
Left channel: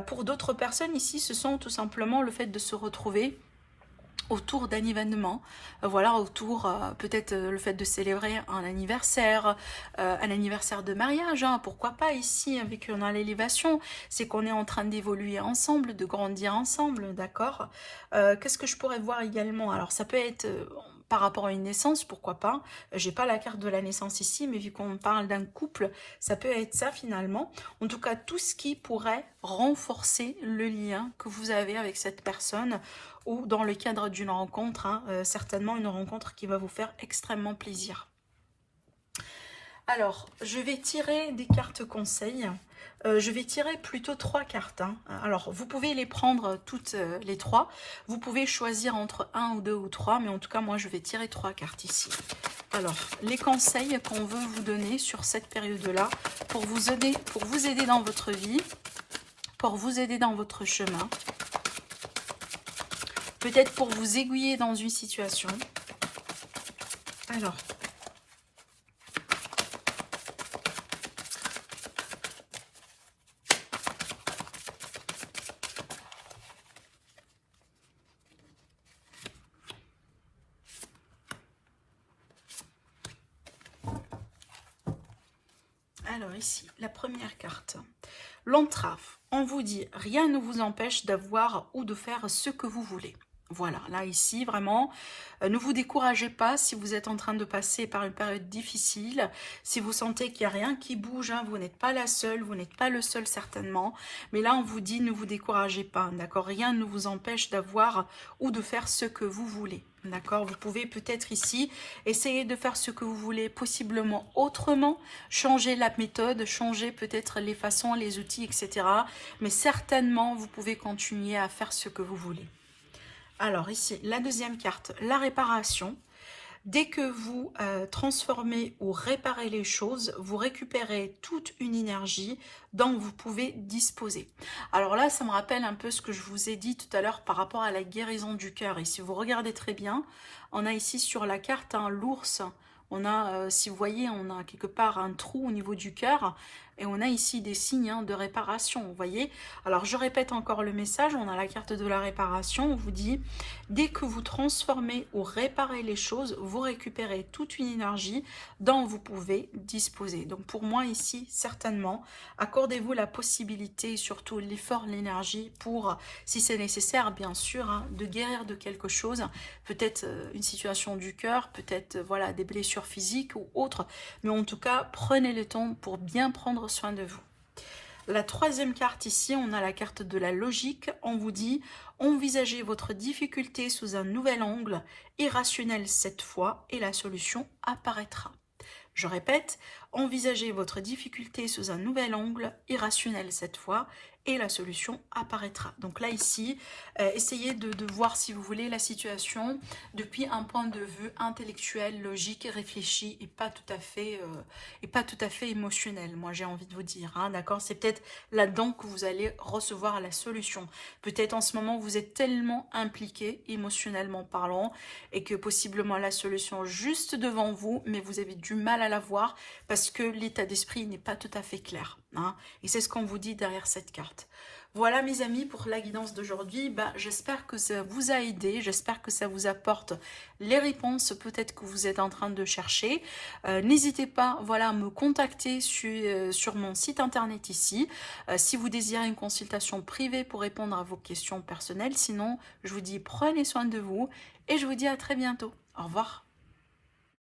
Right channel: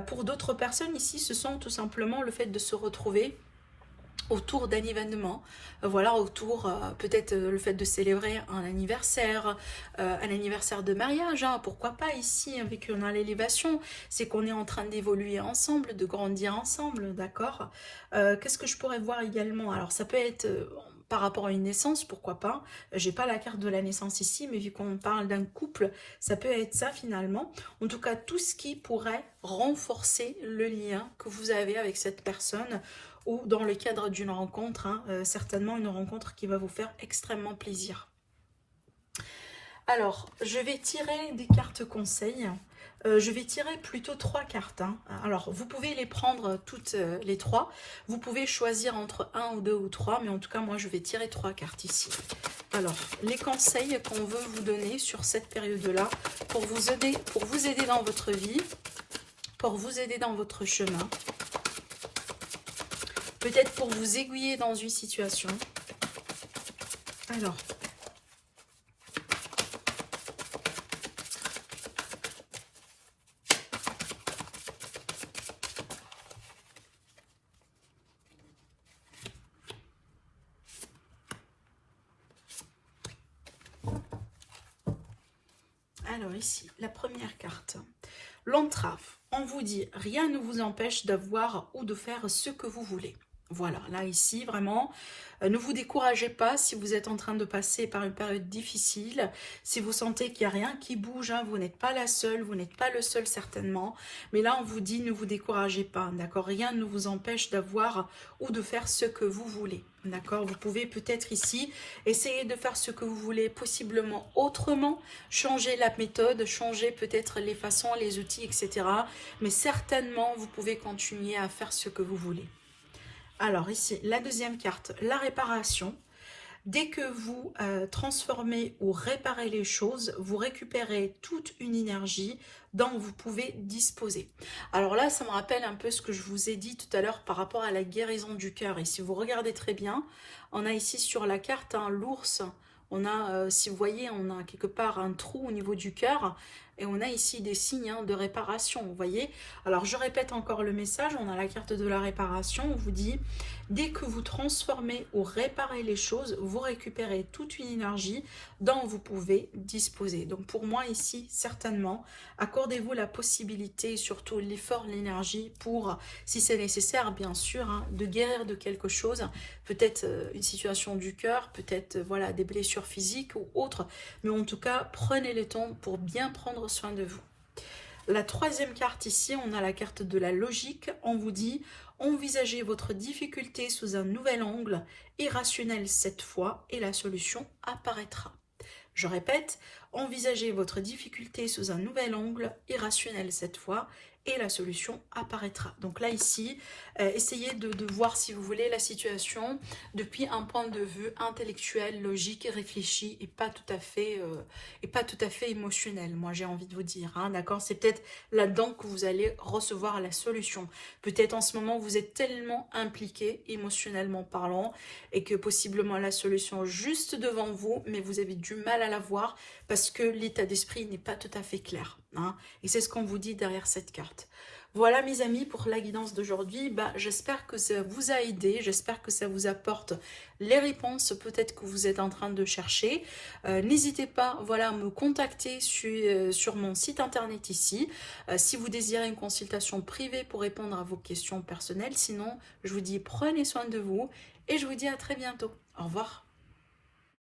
Pour d'autres personnes ici, ce sont tout simplement le fait de se retrouver autour d'un événement, voilà, autour peut-être le fait de célébrer un anniversaire de mariage, hein, pourquoi pas ici avec on a l'élévation, c'est qu'on est en train d'évoluer ensemble, de grandir ensemble, d'accord. Qu'est-ce que je pourrais voir également? Alors ça peut être par rapport à une naissance, pourquoi pas, j'ai pas la carte de la naissance ici, mais vu qu'on parle d'un couple, ça peut être ça finalement, en tout cas tout ce qui pourrait renforcer le lien que vous avez avec cette personne, ou dans le cadre d'une rencontre, hein, certainement une rencontre qui va vous faire extrêmement plaisir. Alors, je vais tirer des cartes conseils. Je vais tirer plutôt 3 cartes. Hein. Alors, vous pouvez les prendre toutes les 3. Vous pouvez choisir entre 1 ou 2 ou 3, mais en tout cas, moi, je vais tirer 3 cartes ici. Alors, les conseils qu'on veut vous donner sur cette période-là pour vous aider dans votre vie, pour vous aider dans votre chemin, peut-être pour vous aiguiller dans une situation. Alors ici, la première carte. L'entrave. On vous dit, rien ne vous empêche d'avoir ou de faire ce que vous voulez. Voilà, là, ici, vraiment, ne vous découragez pas si vous êtes en train de passer par une période difficile, si vous sentez qu'il n'y a rien qui bouge, hein, vous n'êtes pas la seule, vous n'êtes pas le seul certainement, mais là, on vous dit, ne vous découragez pas, d'accord? Rien ne vous empêche d'avoir ou de faire ce que vous voulez, d'accord? Vous pouvez peut-être ici essayer de faire ce que vous voulez, possiblement autrement, changer la méthode, changer peut-être les façons, les outils, etc. Mais certainement, vous pouvez continuer à faire ce que vous voulez. Alors ici, la deuxième carte, la réparation. Dès que vous transformez ou réparez les choses, vous récupérez toute une énergie dont vous pouvez disposer. Alors là, ça me rappelle un peu ce que je vous ai dit tout à l'heure par rapport à la guérison du cœur. Et si vous regardez très bien, on a ici sur la carte l'ours. On a, si vous voyez, on a quelque part un trou au niveau du cœur. Et on a ici des signes de réparation, vous voyez. Alors, je répète encore le message. On a la carte de la réparation. On vous dit, dès que vous transformez ou réparez les choses, vous récupérez toute une énergie dont vous pouvez disposer. Donc, pour moi, ici, certainement, accordez-vous la possibilité, surtout l'effort, l'énergie pour, si c'est nécessaire, bien sûr, hein, de guérir de quelque chose. Peut-être une situation du cœur, peut-être voilà, des blessures physiques ou autres. Mais en tout cas, prenez le temps pour bien prendre soin de vous. La troisième carte ici, on a la carte de la logique. On vous dit, envisagez votre difficulté sous un nouvel angle, irrationnel cette fois, et la solution apparaîtra. Je répète, envisagez votre difficulté sous un nouvel angle, irrationnel cette fois, et la solution apparaîtra. Donc là, ici, essayez de voir, si vous voulez, la situation depuis un point de vue intellectuel, logique, réfléchi, et pas tout à fait émotionnel, moi j'ai envie de vous dire, hein, d'accord? C'est peut-être là-dedans que vous allez recevoir la solution. Peut-être en ce moment, vous êtes tellement impliqué, émotionnellement parlant, et que possiblement la solution juste devant vous, mais vous avez du mal à la voir, parce que l'état d'esprit n'est pas tout à fait clair, hein, et c'est ce qu'on vous dit derrière cette carte. Voilà mes amis pour la guidance d'aujourd'hui. J'espère que ça vous a aidé, j'espère que ça vous apporte les réponses peut-être que vous êtes en train de chercher. N'hésitez pas voilà, à me contacter sur mon site internet ici, si vous désirez une consultation privée pour répondre à vos questions personnelles. Sinon, je vous dis prenez soin de vous et je vous dis à très bientôt. Au revoir.